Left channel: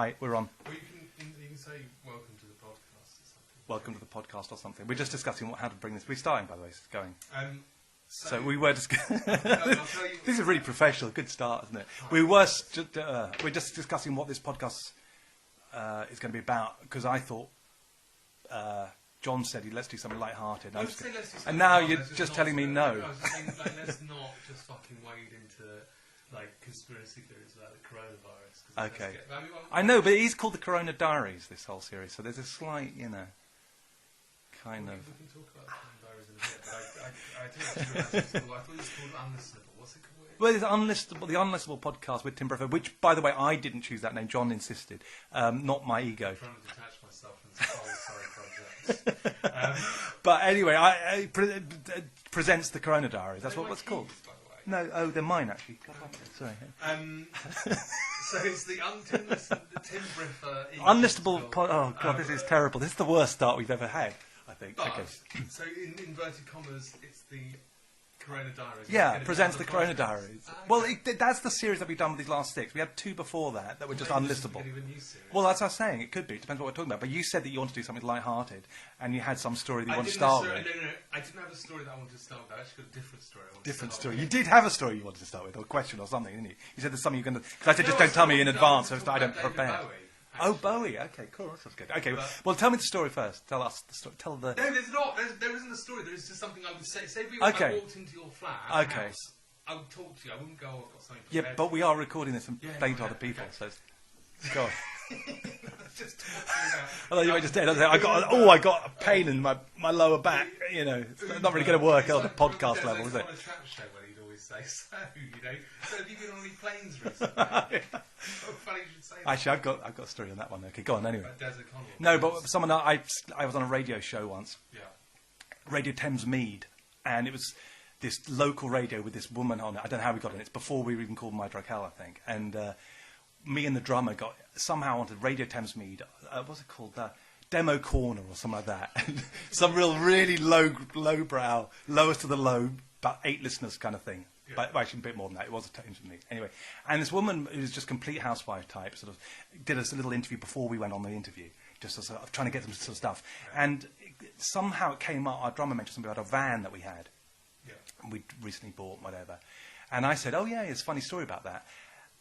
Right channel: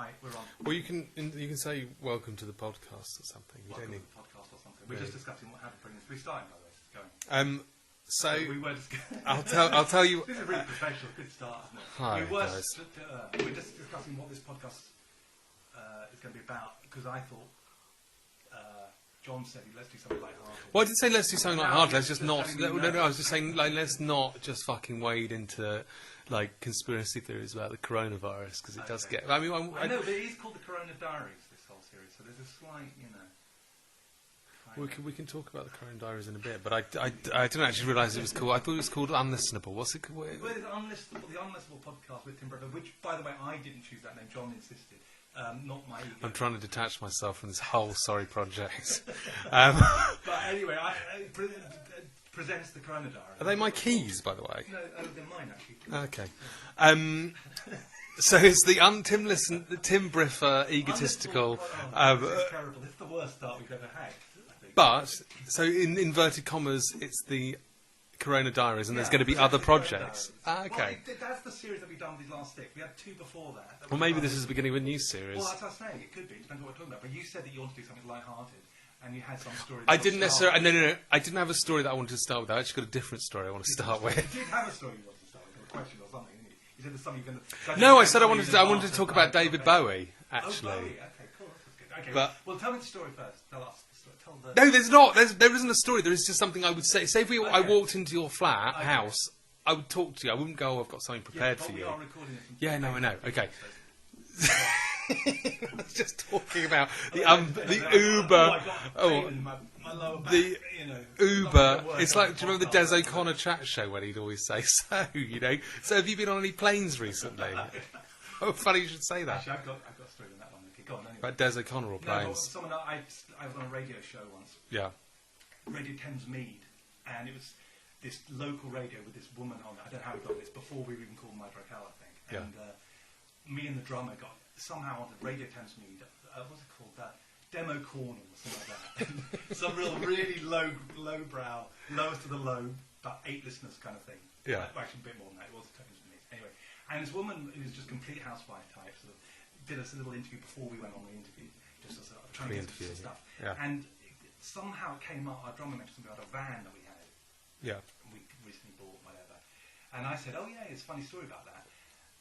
Hi, we're on. Well, you can say welcome to the podcast or something. Welcome to the podcast or something. We're just discussing how to bring this. We're starting, by the way. It's going. So we were discussing. I'll tell you. This is really professional. Good start, isn't it? Hi, we're just discussing what this podcast is going to be about, because I thought John said let's do something light-hearted. Well, I didn't say let's do something No, light-hearted. you're I was just telling me no. I was just saying let's not just fucking wade into conspiracy theories about the coronavirus, because it does get. I mean, I know, but it is called the Corona Diaries. This whole series, so there's a slight, We can talk about the Corona Diaries in a bit, but I didn't actually realise it was called. I thought it was called Unlistenable. What's it called? Well, it's Unlistenable, the Unlistenable podcast with Tim Briffer, which, by the way, I didn't choose that name. John insisted, not my ego. I'm trying to detach myself from this whole sorry project. But anyway, presents the Corona Diaries. Are they my keys, by the way? No, they're mine actually. Okay. So it's the Tim Briffer egotistical. Unlistenable. Oh God, this is terrible. This is the worst start we've ever had, I think. But so in inverted commas, it's the Corona Diaries, and there's going to be other projects. Okay. Well, that's the series that we've done with these last 6. We had 2 before that. Were Well, maybe this is the beginning of a new series. Well, that's what I was saying. It could be. It depends what we're talking about. But you said that you want to do something light-hearted, and you had some story that I didn't necessarily. No. I didn't have a story that I wanted to start with. I actually got a different story I want to start with. You did have a story you wanted to start with, or a question or something, didn't you? You said there's something you're going to. No, I said I wanted to talk about David Bowie. Actually. Oh, Bowie. Okay, cool. That's good. Okay, well, tell me the story first. Tell us the story. Tell the. No, there's not. There isn't a story. There is just something I would say. Say if I walked into your house, I would talk to you. I wouldn't go, I've got something prepared for you. Yeah, but we are recording this. Yeah, no, I know. People, okay. So I was just talking about. I got a pain in my lower back. Uber. Not really going to work. It's like, do you remember the Des O'Connor chat show when he'd always say, so have you been on any planes recently? Oh, funny you should say that. Actually, I've got a story on that one. Okay, go on anyway. About Des O'Connor or No, planes? but someone I was on a radio show once. Yeah. Radio Thames Mead, and it was this local radio with this woman on it. I don't know how we got it. It's before we were even called My Drug Hell, I think. And me and the drummer got somehow onto Radio Thames Mead. What's it called? Demo Corner or something like that. And some really lowbrow, lowest of the low, about 8 listeners kind of thing. Yeah. But actually a bit more than that. It was a Thames Mead. Anyway, and this woman who was just complete housewife type sort of did us a little interview before we went on the interview, just as trying to get some stuff. Yeah. And somehow it came up. Our drummer mentioned something about a van that we had. Yeah, we'd recently bought, whatever. And I said, oh, yeah, it's a funny story about that.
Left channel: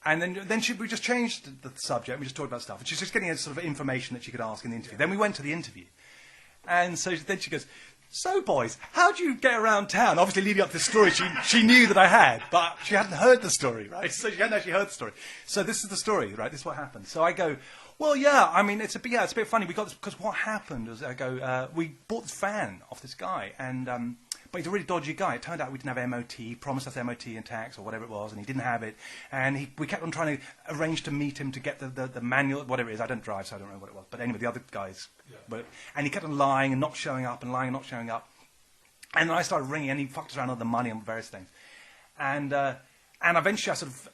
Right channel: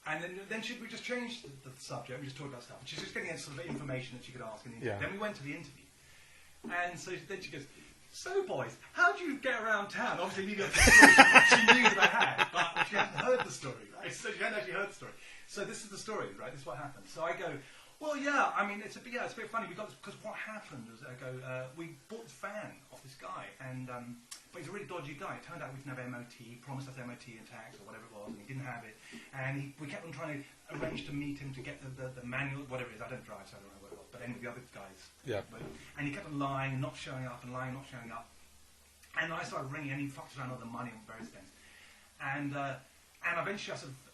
And then we just changed the subject. We just talked about stuff. And she's just getting a sort of information that she could ask in the interview. Yeah. Then we went to the interview. And so then she goes, so, boys, how do you get around town? Obviously, leading up to the story, she knew that I had, but she hadn't heard the story, right? So she hadn't actually heard the story. So this is the story, right? This is what happened. So I go, well, yeah, I mean, it's a bit funny. We got this, because what happened was, we bought this van off this guy, and but he's a really dodgy guy. It turned out we didn't have MOT. He promised us MOT and tax or whatever it was, and he didn't have it. And we kept on trying to arrange to meet him to get the manual, whatever it is. I don't drive, so I don't know what it was. But anyway, the other guys. Yeah. And he kept on lying and not showing up and lying and not showing up. And then I started ringing, and he fucked us around with the money and various things. And eventually I sort of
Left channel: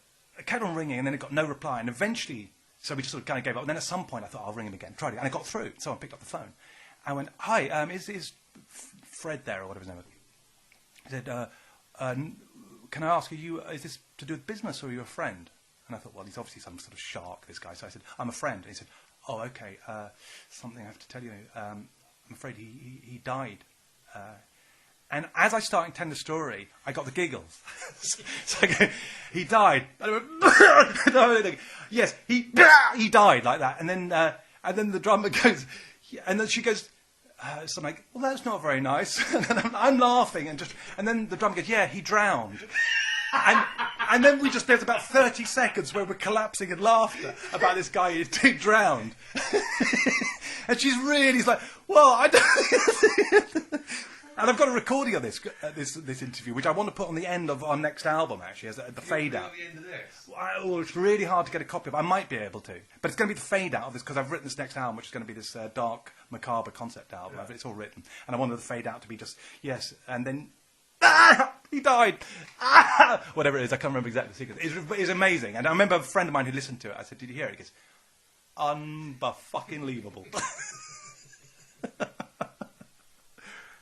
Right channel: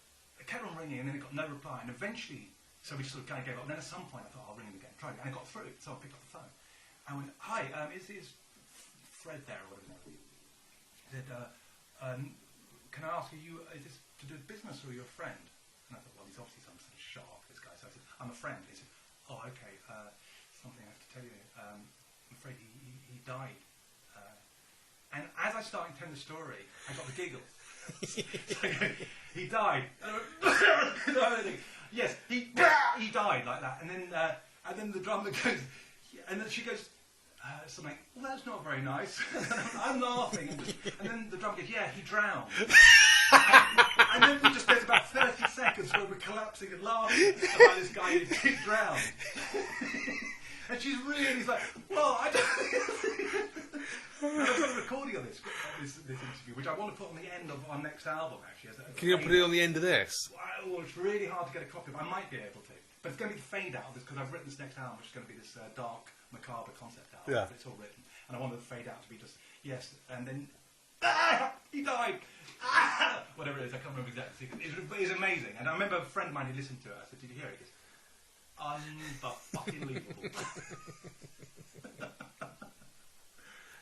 kept on ringing, and then it got no reply. And eventually, so we just sort of kind of gave up. And then at some point I thought, I'll ring him again. Tried it, and I got through. So I picked up the phone. I went, hi, is Fred there, or whatever his name was? He said, can I ask, is this to do with business, or are you a friend? And I thought, well, he's obviously some sort of shark, this guy. So I said, I'm a friend. And he said, oh, okay, something I have to tell you. I'm afraid he died. And as I started telling the story, I got the giggles. So I go, he died. And I went, yes, he died, like that. And then the drummer goes, and then she goes, so I'm like, well, that's not very nice. And I'm laughing, and then the drummer goes, yeah, he drowned. And then there's about 30 seconds where we're collapsing and laughing about this guy who drowned. And she's like, well, I don't. And I've got a recording of this interview, which I want to put on the end of our next album, actually. As the Can you put it on the end of this? Well, it's really hard to get a copy of. I might be able to. But it's going to be the fade out of this, because I've written this next album, which is going to be this dark, macabre concept album. Yeah. It's all written. And I wanted the fade out to be just, yes, and then, he died. Whatever it is, I can't remember exactly the sequence. It's amazing. And I remember a friend of mine who listened to it. I said, did you hear it? He goes, unfucking-leavable.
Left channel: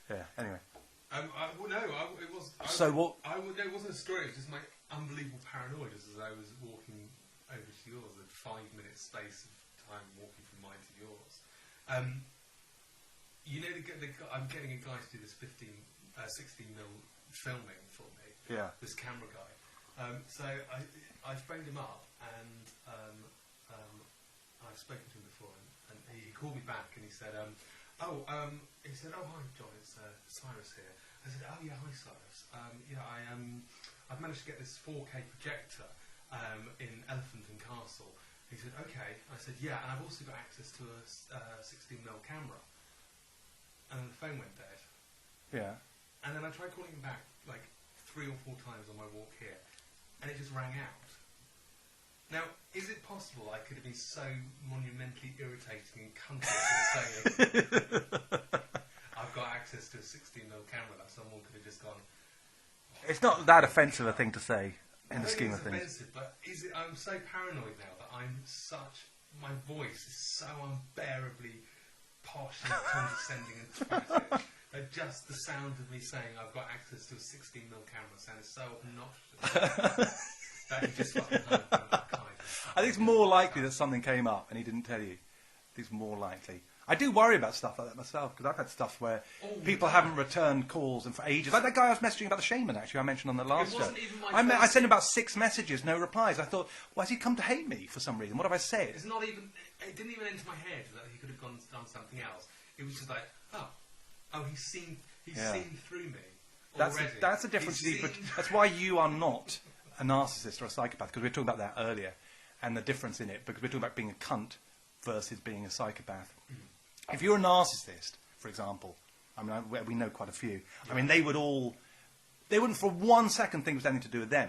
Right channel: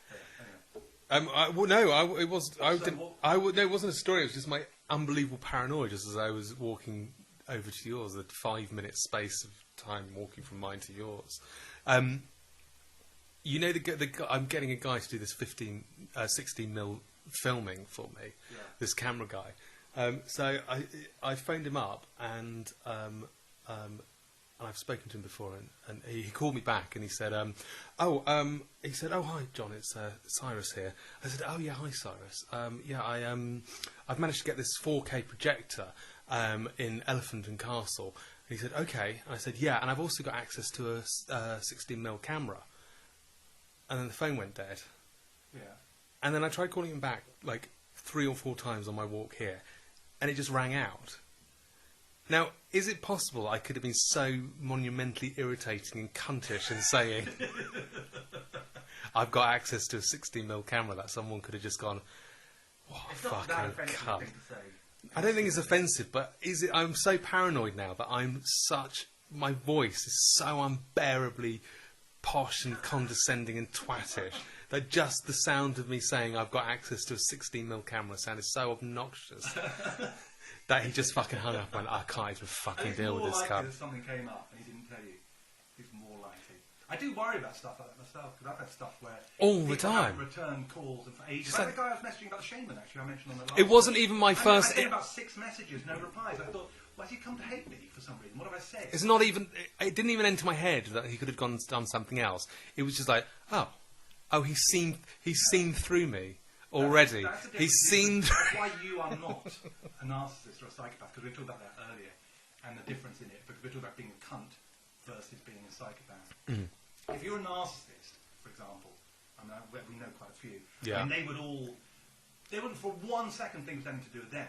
Yeah, anyway. It wasn't a story. It was just my unbelievable paranoia, just as I was walking over to yours, the 5-minute space of time walking from mine to yours. You know, I'm getting a guy to do this 16mm filming for me. Yeah. This camera guy. So I phoned him up, and I've spoken to him before, and he called me back, and he said, oh hi John, it's Cyrus here. I said, oh yeah, hi Cyrus. I've managed to get this 4K projector in Elephant and Castle. And he said, okay. And I said, yeah, and I've also got access to a 16mm camera. And then the phone went dead. Yeah. And then I tried calling him back like 3 or 4 times on my walk here, and it just rang out. Now, is it possible I could have been so monumentally irritating and cuntish in saying I've got access to a 16mm camera that someone could have just gone, it's not that offensive a thing to say. I don't think it's offensive, but is it? I'm so paranoid now that my voice is so unbearably posh and condescending and twattish that just the sound of me saying I've got access to a 16mm camera sounded so obnoxious that he just fucking hung up and I can't even fucking. I think it's more likely that something came up and he didn't tell you. I think it's more likely. I do worry about stuff like that myself, because I've had stuff where people haven't returned calls and for ages. Like that guy I was messaging about the shaman, actually, I mentioned on the last. It wasn't even my first. I sent him about 6 messages, no replies. I thought, why has he come to hate me for some reason? What have I said? It's not even. It didn't even enter my head that he could have done something else. It was just like, he's seen through me already. That's a difference. That's why you are not a narcissist or a psychopath, because we were talking about that earlier, and the difference in it, because we're talking about being a cunt versus being a psychopath. Mm. If you're a narcissist, for example, I mean, we know quite a few. Yeah. I mean, they wouldn't for 1 second think it was anything to do with them.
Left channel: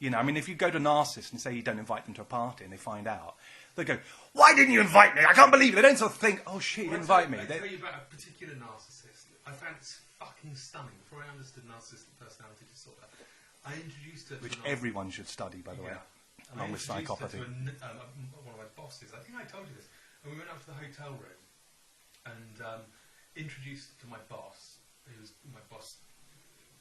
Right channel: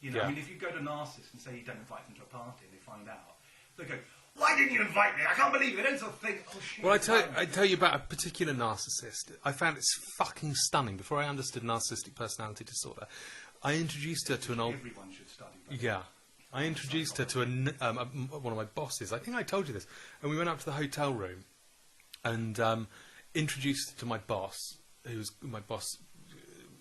You know, I mean, if you go to a narcissist and say you don't invite them to a party and they find out, they go, why didn't you invite me? I can't believe it. They don't sort of think, oh shit, you invite me. I tell you about a particular narcissist. I found it's fucking stunning. Before I understood narcissistic personality disorder, I introduced her to an old... everyone should study, by the way. Yeah. I introduced her to one of my bosses. I think I told you this. And we went up to the hotel room and introduced her to my boss, my boss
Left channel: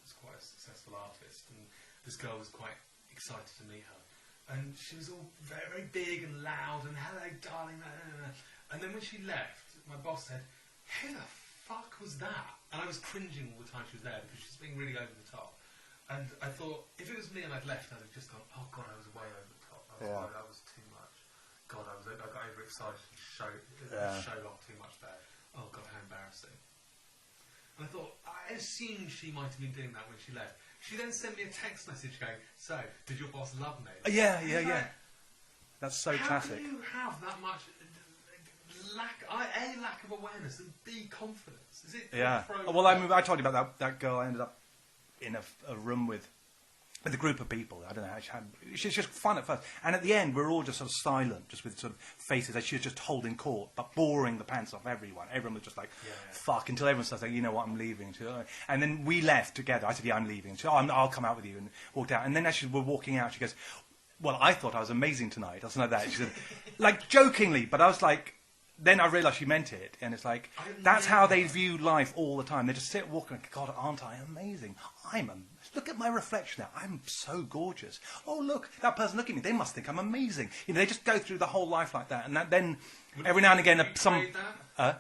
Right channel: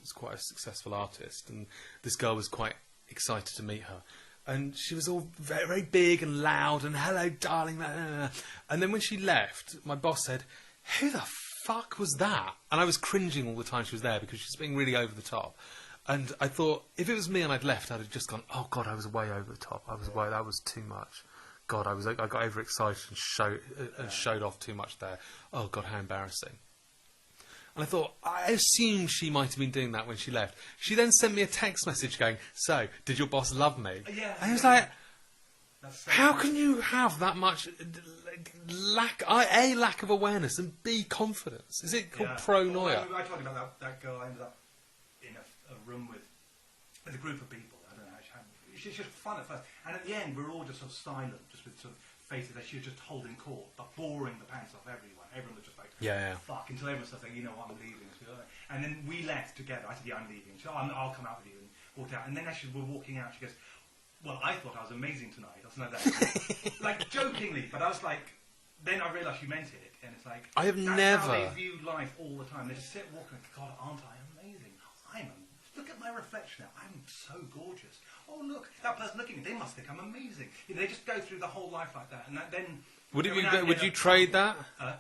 was quite a successful artist, and this girl was quite excited to meet her. And she was all very, very big and loud and hello, darling. And then when she left, my boss said, who the fuck was that? And I was cringing all the time she was there because she was being really over the top. And I thought, if it was me and I'd left, I'd have just gone, oh God, I was way over the top. That was too much. God, I got overexcited and showed off too much there. Oh God, how embarrassing. And I thought, I assumed she might have been doing that when she left. She then sent me a text message going, so, did your boss love me? Yeah. And I was like, that's so how classic. can you have that much lack of awareness and B, confidence? Is it pro? Well, I told you about that girl I ended up in a room with a group of people. I don't know how she's just fun at first, and at the end we're all just sort of silent, just with sort of faces as she was just holding court, but boring the pants off everyone. Everyone was just like, fuck, until everyone starts like, you know what, I'm leaving. And then we left together. I said, yeah, I'm leaving. She said, I'll come out with you, and walked out. And then as we're walking out, she goes, well, I thought I was amazing tonight. I was like that, like jokingly, but I was like, then I realised she meant it, and it's like, that's how they view life all the time. They just sit walking, like, God, aren't I amazing? Look at my reflection now. I'm so gorgeous. Oh, look, that person looking at me. They must think I'm amazing. You know, they just go through the whole life like that. And then every now and again... Would you trade that?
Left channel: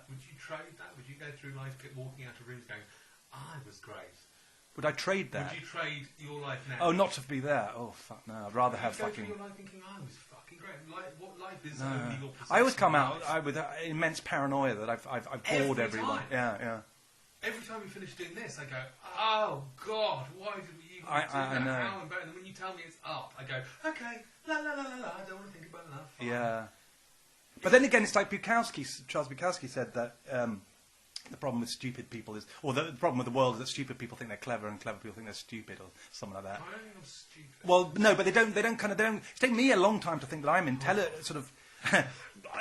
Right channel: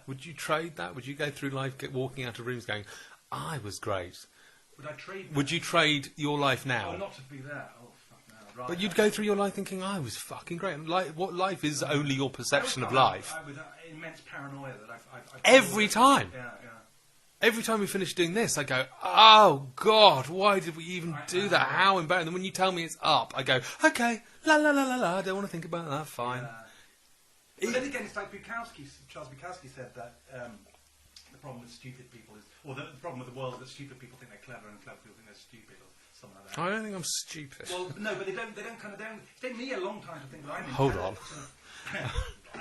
Would you trade that? Would you go through life walking out of rooms going, I was great? Would I trade that? Would you trade your life now? Oh, not to be there. Oh, fuck no. I'd rather. But you'd go through your life thinking, I was fucking great. What life is only your perception of life. I always come out with immense paranoia that I've every time. Yeah. Every time we finish doing this, I go, oh, God, why did we even do that? How embarrassing. And when you tell me it's up, I go, okay, la, I don't want to think about that, fine. Yeah. But then again, it's like Charles Bukowski said that the problem with stupid people is, or the problem with the world is that stupid people think they're clever and clever people think they're stupid, or something like that. I don't think I'm stupid. Well, no, but they don't it's taken me a long time to think that I'm intelligent, sort of...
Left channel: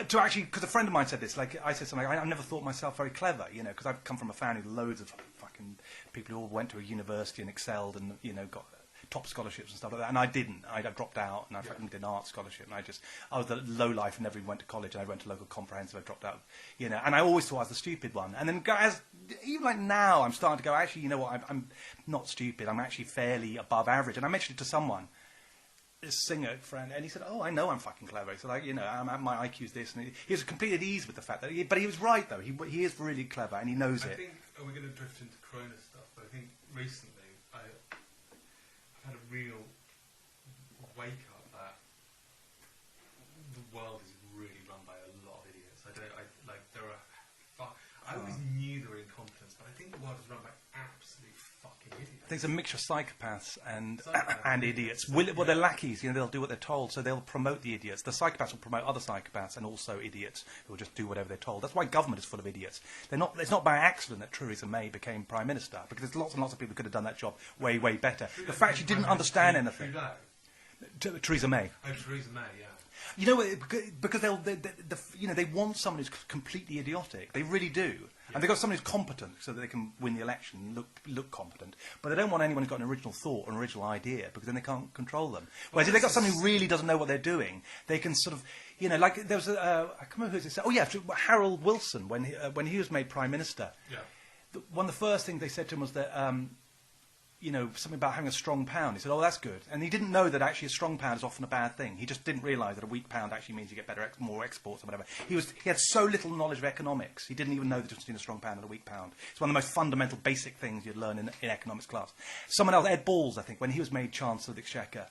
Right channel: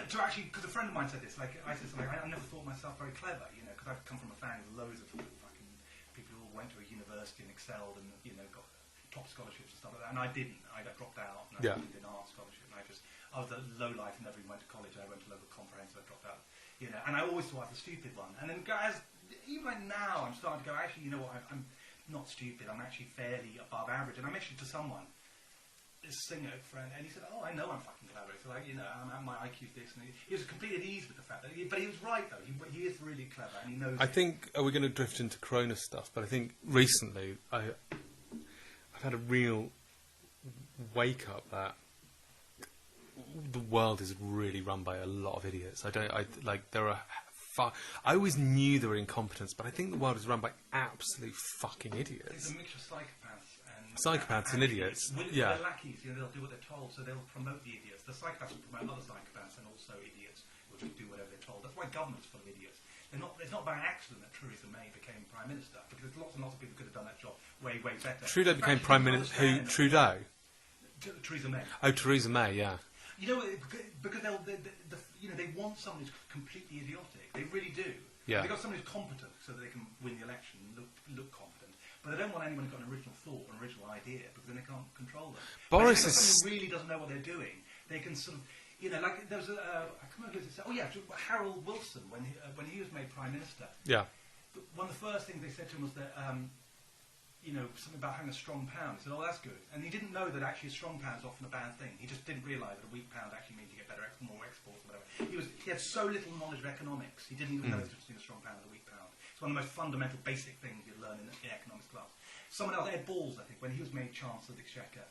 to actually, because a friend of mine said this, like, I said something, I never thought myself very clever, you know, because I've come from a family with loads of fucking people who all went to a university and excelled and, you know, got top scholarships and stuff like that, and I didn't. I dropped out, and I did an art scholarship, and I was the low life and never went to college, and I went to local comprehensive, I dropped out, you know, and I always thought I was the stupid one, and then even like now, I'm starting to go, actually, you know what, I'm not stupid, I'm actually fairly above average, and I mentioned it to someone, singer friend, and he said, "Oh, I know I'm fucking clever." He said, my IQ's this, and he was completely at ease with the fact that. But he was right though. He is really clever, and he knows it. I think we're going to drift into Corona stuff, but I think recently I've had a real wake up that the world is really run by a lot of idiots. I always knew there were incompetents, but I think the world is run by absolute fucking idiots. I think it's a mixture of psychopaths and idiots. Well, they're lackeys. They'll do what they're told, so they'll promote the idiots. The psychopaths will promote other psychopaths and also idiots who will just do whatever they're told. That's why government is full of idiots. It's not by accident that Theresa May became Prime Minister, because there's lots and lots of people who could have done that job way, way better. Trudeau became Prime Minister. Trudeau? Theresa May. Oh, Theresa May, yeah. Because they want someone who's completely idiotic. They really do. Yeah. They've got someone who's competent so that they can win the election and look competent. But they don't want anyone who's got an original thought, an original idea, because then they can't control them. But if they've got someone who really doesn't know what they're doing, they can sort of, like there was I can't remember who it said. Oh yeah, Harold Wilson when he was made Prime Minister. Yeah. One of the first things they said to him was that. Something about having a strong pound. He said, "Oh, that's good," and he didn't know that actually a strong pound is often a bad thing. He just didn't realise that a weak pound actually means you get more exports or whatever. He had so little knowledge of economics. He didn't even know the difference between a strong pound and a weak pound. It's one of the most fundamental, basic things you'd learn in economics class. Someone else, Ed Balls, I think, when he was made Chancellor of the Exchequer,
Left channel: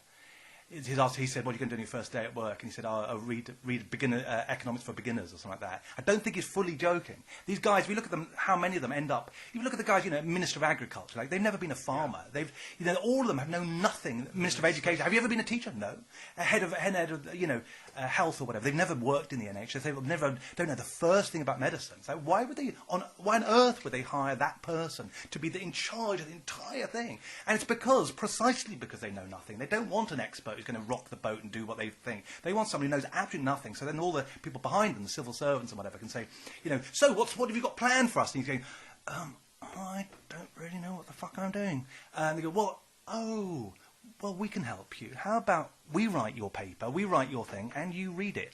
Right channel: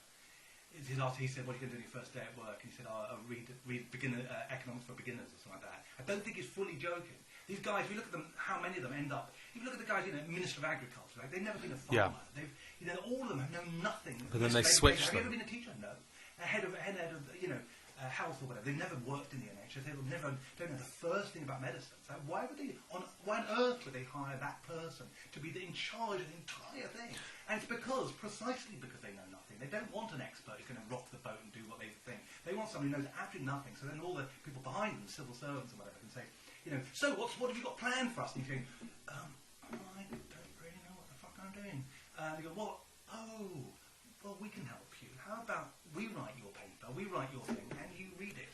he said, "What are you going to do on your first day at work?" And he said, "I'll read economics for beginners," or something like that. I don't think he's fully joking. These guys, if you look at them, how many of them end up. If you look at the guys, Minister of Agriculture, they've never been a farmer. Yeah. All of them have known nothing. Minister of Education. Have you ever been a teacher? No. A head of health or whatever. They've never worked in the NHS. They don't know the first thing about medicine. So why on earth would they hire that person to be in charge of the entire thing? And it's precisely because they know nothing. They don't want an expert who's going to rock the boat and do what they think. They want somebody who knows absolutely nothing. So then all the people behind them, the civil servants and whatever, can say, so what have you got planned for us? And he's going, I don't really know what the fuck I'm doing. And they go, well, we can help you. How about we write your paper, we write your thing, and you read it.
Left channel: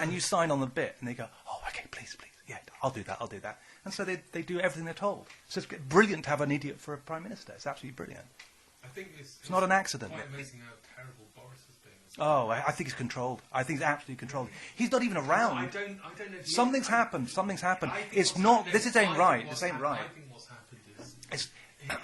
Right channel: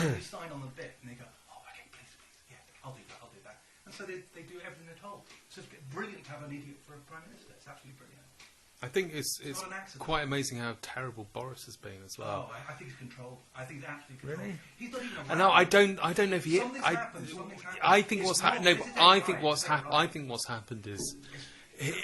And you sign on the bit. And they go, oh, okay, please. Yeah, I'll do that. And so they do everything they're told. So it's brilliant to have an idiot for a Prime Minister. It's absolutely brilliant. I think it's not an accident. Quite amazing how terrible Boris has been as well. Oh, I think he's controlled. I think he's absolutely controlled. Really? He's not even around. No, I don't know if he Something's happened. I think what's happened. I think what's happened is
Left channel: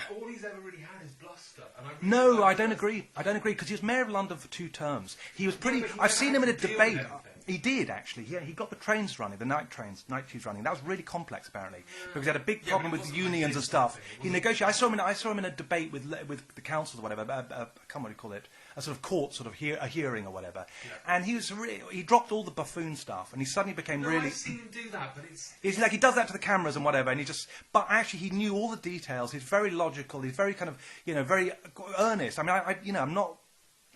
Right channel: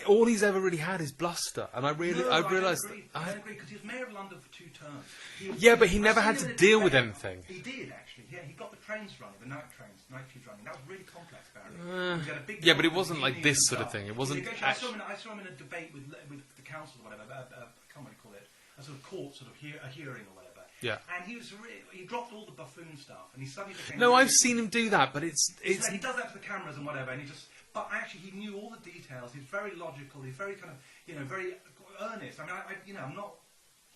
all he's ever really had is bluster, and I don't agree. I don't agree because he was mayor of London for 2 terms. But he never had to deal with anything. He did actually. Yeah, he got the trains running, the night tubes running. That was really complex apparently. Because he had a big problem but it wasn't with like this sort of thing. It wasn't. I saw him in a debate with the councils or whatever. I can't remember what you call it. A sort of court, a hearing or whatever. Yeah. And he dropped all the buffoon stuff, and he suddenly became. No, I've seen him do that, but it's like he does that to the cameras and whatever, and but actually he knew all the details. He's very logical. He's very kind of, very earnest. I mean, I'm not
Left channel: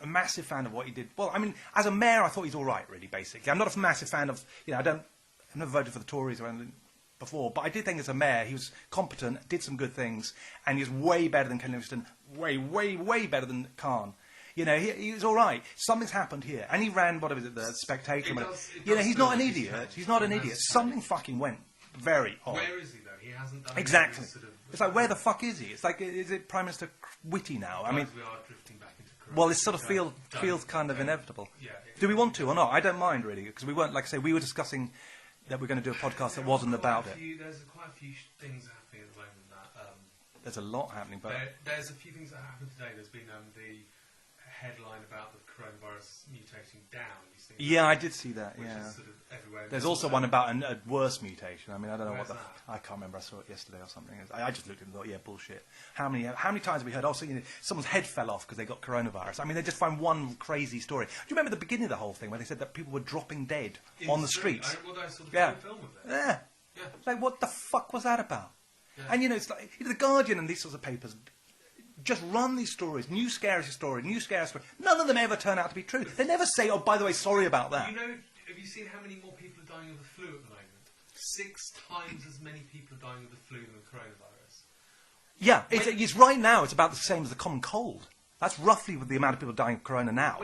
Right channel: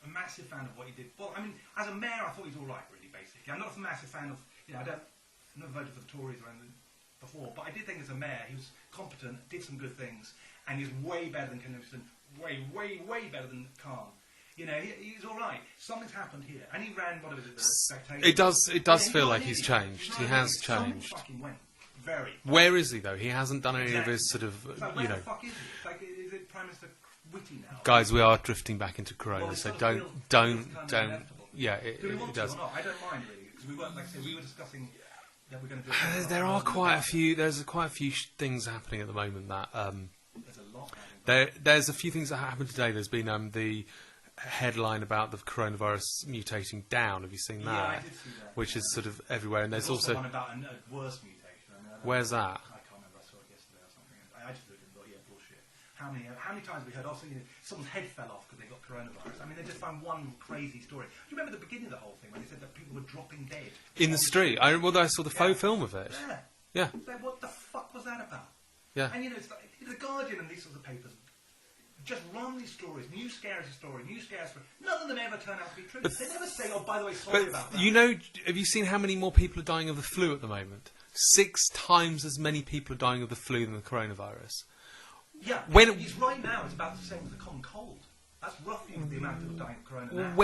a massive fan of what he did. Well, I mean, as a mayor, I thought he's all right, really. Basically, I'm not a massive fan of, I've never voted for the Tories or anything before, but I did think as a mayor he was competent, did some good things, and he was way better than Ken Livingstone, way better than Khan. He was all right. Something's happened here, and he ran the Spectator. It does feel like he's changed. He's not an idiot. Something fucking went very odd. Where is he though? He hasn't done any of his sort of. It's like where the fuck is he? It's like is it Prime Minister Witty now? Guys, we are drifting back into Corona. Well, it sort of feels kind of inevitable. Yeah. Do we want to or not? I don't mind really because we weren't, like I say, we were discussing that we're going to do a podcast. There's quite a few things happening at the moment that. There's a lot happening. There's a few things that happened today. There's been the headline about the coronavirus mutating down. Have you seen that? Yeah, I did see that. Which is sort of everywhere. And there's also one about a worse mutation. I mean, I don't know. Where's that? I can't remember. I saw it yesterday or something. I just looked at it and thought, yeah, bullshit. How many times have we heard? Also, someone's head fell off because they got coronavirus. I mean, they just find one crazy story. Do you remember the beginning of the whole thing where they said that people were dropping dead in the street? I saw the faux film of it. Yeah. It's like, what the fuck was that about? Yeah. And it's like the Guardian and these sorts of papers just run these stories, new scary story. None of them ever turn out to be true. They never say, oh, by the way, sorry about that. Have you seen how many more people are dying of the flu at the moment? 6 times as many people are dying of the flu than the coronavirus. Yeah, it's right now, it's about the same as the common cold. That's roughly the amount of people dying of corona now.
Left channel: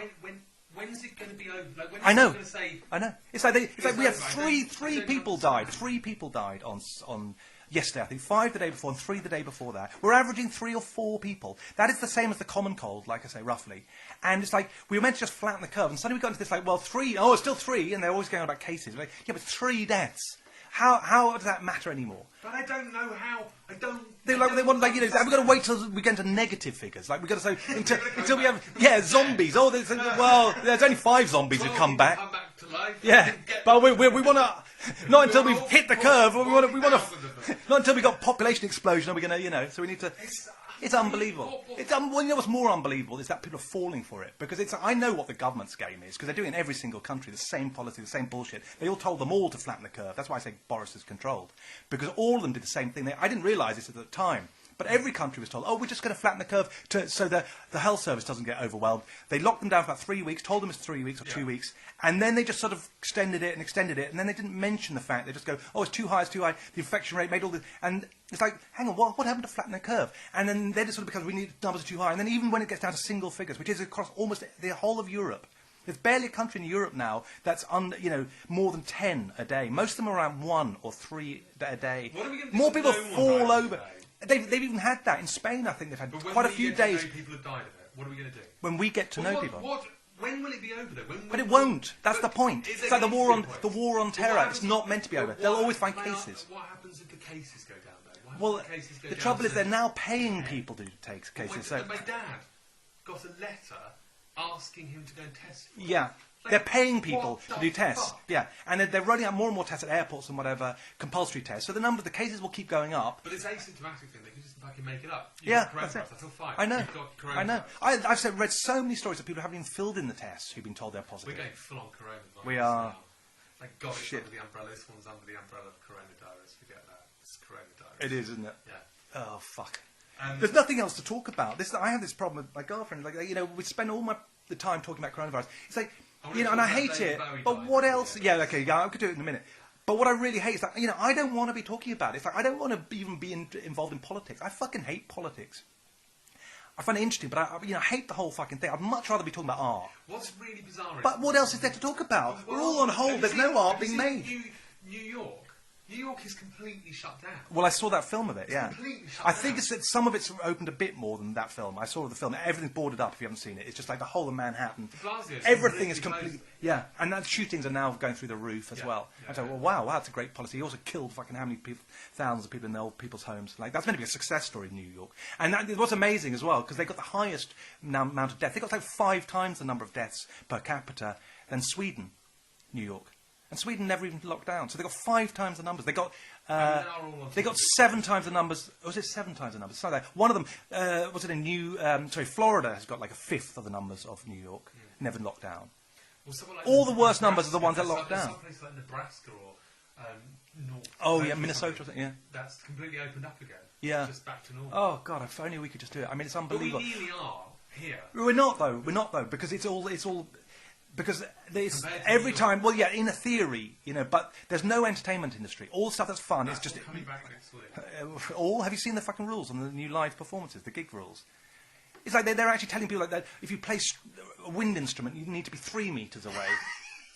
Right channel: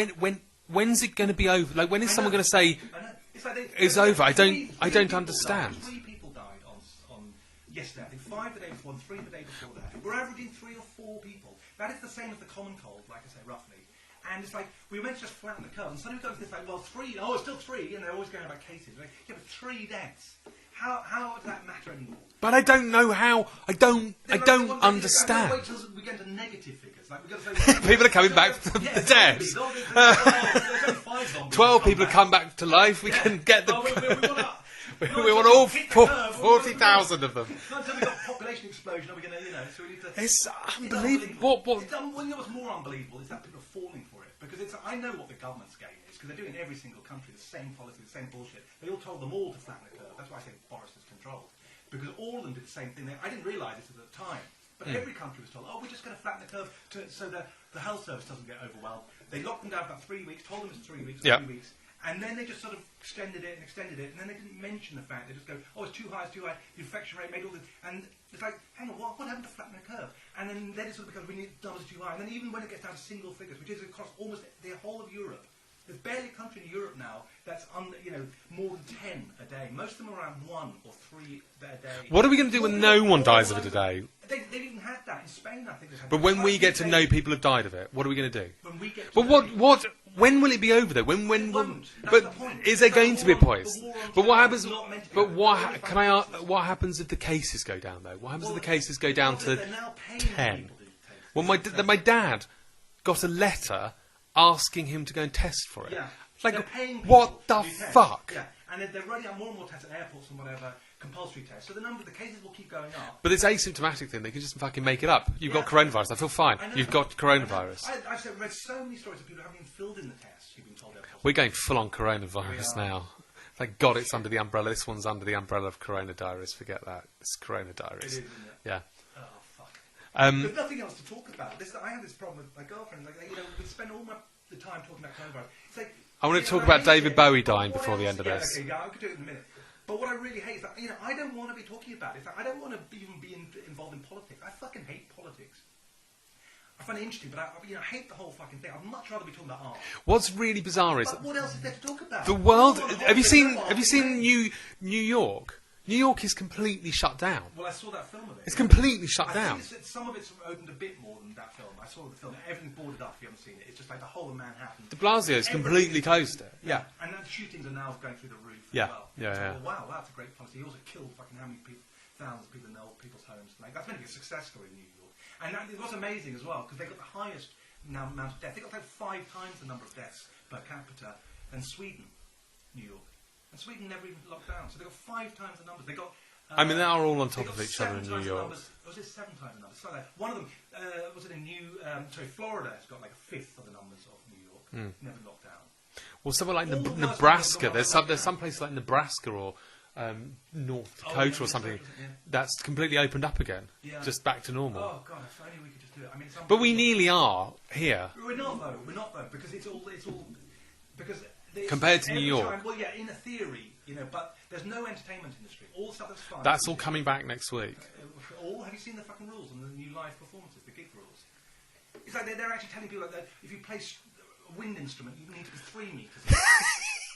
When's it going to be over? Like, when is someone going to say... I know. It's like it's over. I don't understand. 3 people died on yesterday, I think 5 the day before and 3 the day before that. We're averaging 3 or 4 people. That is the same as the common cold, like I say, roughly. And it's like, we were meant to just flatten the curve, and suddenly we got into this like, well, 3, oh, it's still 3, and they're always going on about cases. Like, yeah, but 3 deaths. How does that matter anymore? But I don't know how. I don't understand. I'm going to wait till we get into negative figures. Like, we've got to say... People are coming back from the zombies. Oh, there's only 5 zombies 12 people come back to life. We can get them. Well, we want to... Not until we hit the curve. 40,000 of them. Not until we got population explosion are we going to, so we need to... It's unbelievable. You know what's more unbelievable is that people are falling for it. Because I know what the government's game is, because they're doing it in every single country, the same policy, the same bullshit. They all told them all to flatten the curve. That's why I say Boris is controlled. Because all of them did the same thing. I didn't realise this at the time. But every country was told, oh, we're just going to flatten the curve so the health service doesn't get overwhelmed. They locked them down for about 3 weeks, told them it's 3 weeks or 2 weeks, and then they just sort of extended it, and then they didn't mention the fact. They just go, oh, it's too high, the infection rate made all this, and it's like, hang on, what happened to flatten the curve? And then it sort of becomes, we need numbers are too high, and then even when it gets down to single figures, which is across almost the whole of Europe, there's barely a country in Europe now that's more than 10 a day. Most of them are around 1 or 3 a day. What are we going to do when no one dies of it a day? They've even had that in Spain. I think they've had. But when we get to know people have died of it, what are we going to do? When we get to know people. When will it be over though? When it won't. That's the point. Is there going to be a point? The war on terror is not meant to be over. What happens if the cases go down though? What happens if the cases go down to 10? They're now paying people to take. Well, my dad got a letter asking him to go and test for it. Yeah. They're paying people to do tests. Fuck? Yeah, and they're running out more and more tests at airports and whatever, compulsory tests. So the cases will keep going up. But it's asymptomatic thing. They can just fucking make it up. You've got coronavirus. I feel fine. I know. You've got coronavirus. I've read so many stories of people who haven't even filled in the tests who've been told they're positive. We're going full on coronavirus now. Thank God it's under the umbrella. This one's under the umbrella of Corona Diaries. Forget that. It's Corona Diaries. It is, isn't it? Yeah. Oh, fuck. There's nothing else to talk about. I have this problem with my girlfriend. Like, we spend all the time talking about coronavirus. It's like... I want to talk about David Bowie dying before the end of this. Yeah, okay, I could do it in a minute. But what I really hate is that, I don't want to be talking about it. It's like, I don't want to even be involved in politics. I fucking hate politics. I find it interesting, but I hate the whole fucking thing. I'd much rather be talking about art. What's really bizarre is... But what else is there to talk about? The world... Have you seen New York? New York is completely shut down. Well, I saw that film of it. It's completely shut down. I think some of it's opened a bit more than that film. I saw the film. Everything's boarded up if you haven't seen it. It's just like the whole of Manhattan. De Blasio's completely closed it. Yeah, and the shootings are now going through the roof as well. Yeah, so, wow, that's a great policy. He also killed fucking how many people, thousands of people in the old people's homes. Like, that's meant to be a success story in New York. And it was amazing as well, because they got the highest amount of deaths. They got like 5 times the number of deaths per capita than Sweden, New York. And Sweden never even locked down. So they got 5 times the numbers. They got... they are all on top They got of each 7 other times the numbers. Was it 7 times the numbers? Something like that. One of them, was it in Florida has got like a 5th of the numbers of New York. Never locked down. Well, somewhere like all the worst numbers are the ones that locked down. There's some places like Nebraska or North Dakota or something that's completely opened up again. Yeah. Just back to normal. Oh, God, if only we could just do it. I mean, it's unbelievable. But we nearly are here. We're not, though. Because it's all... Because compared to every New York. time, well, yeah, in a theory, but there's no entertainment industry. All the stuff that's fun. That's all coming back next week. Have you seen the fucking rules on the new live performances, the gig rules? It's like they're actually telling people like that. If you play a wind instrument, you need to be 3 meters away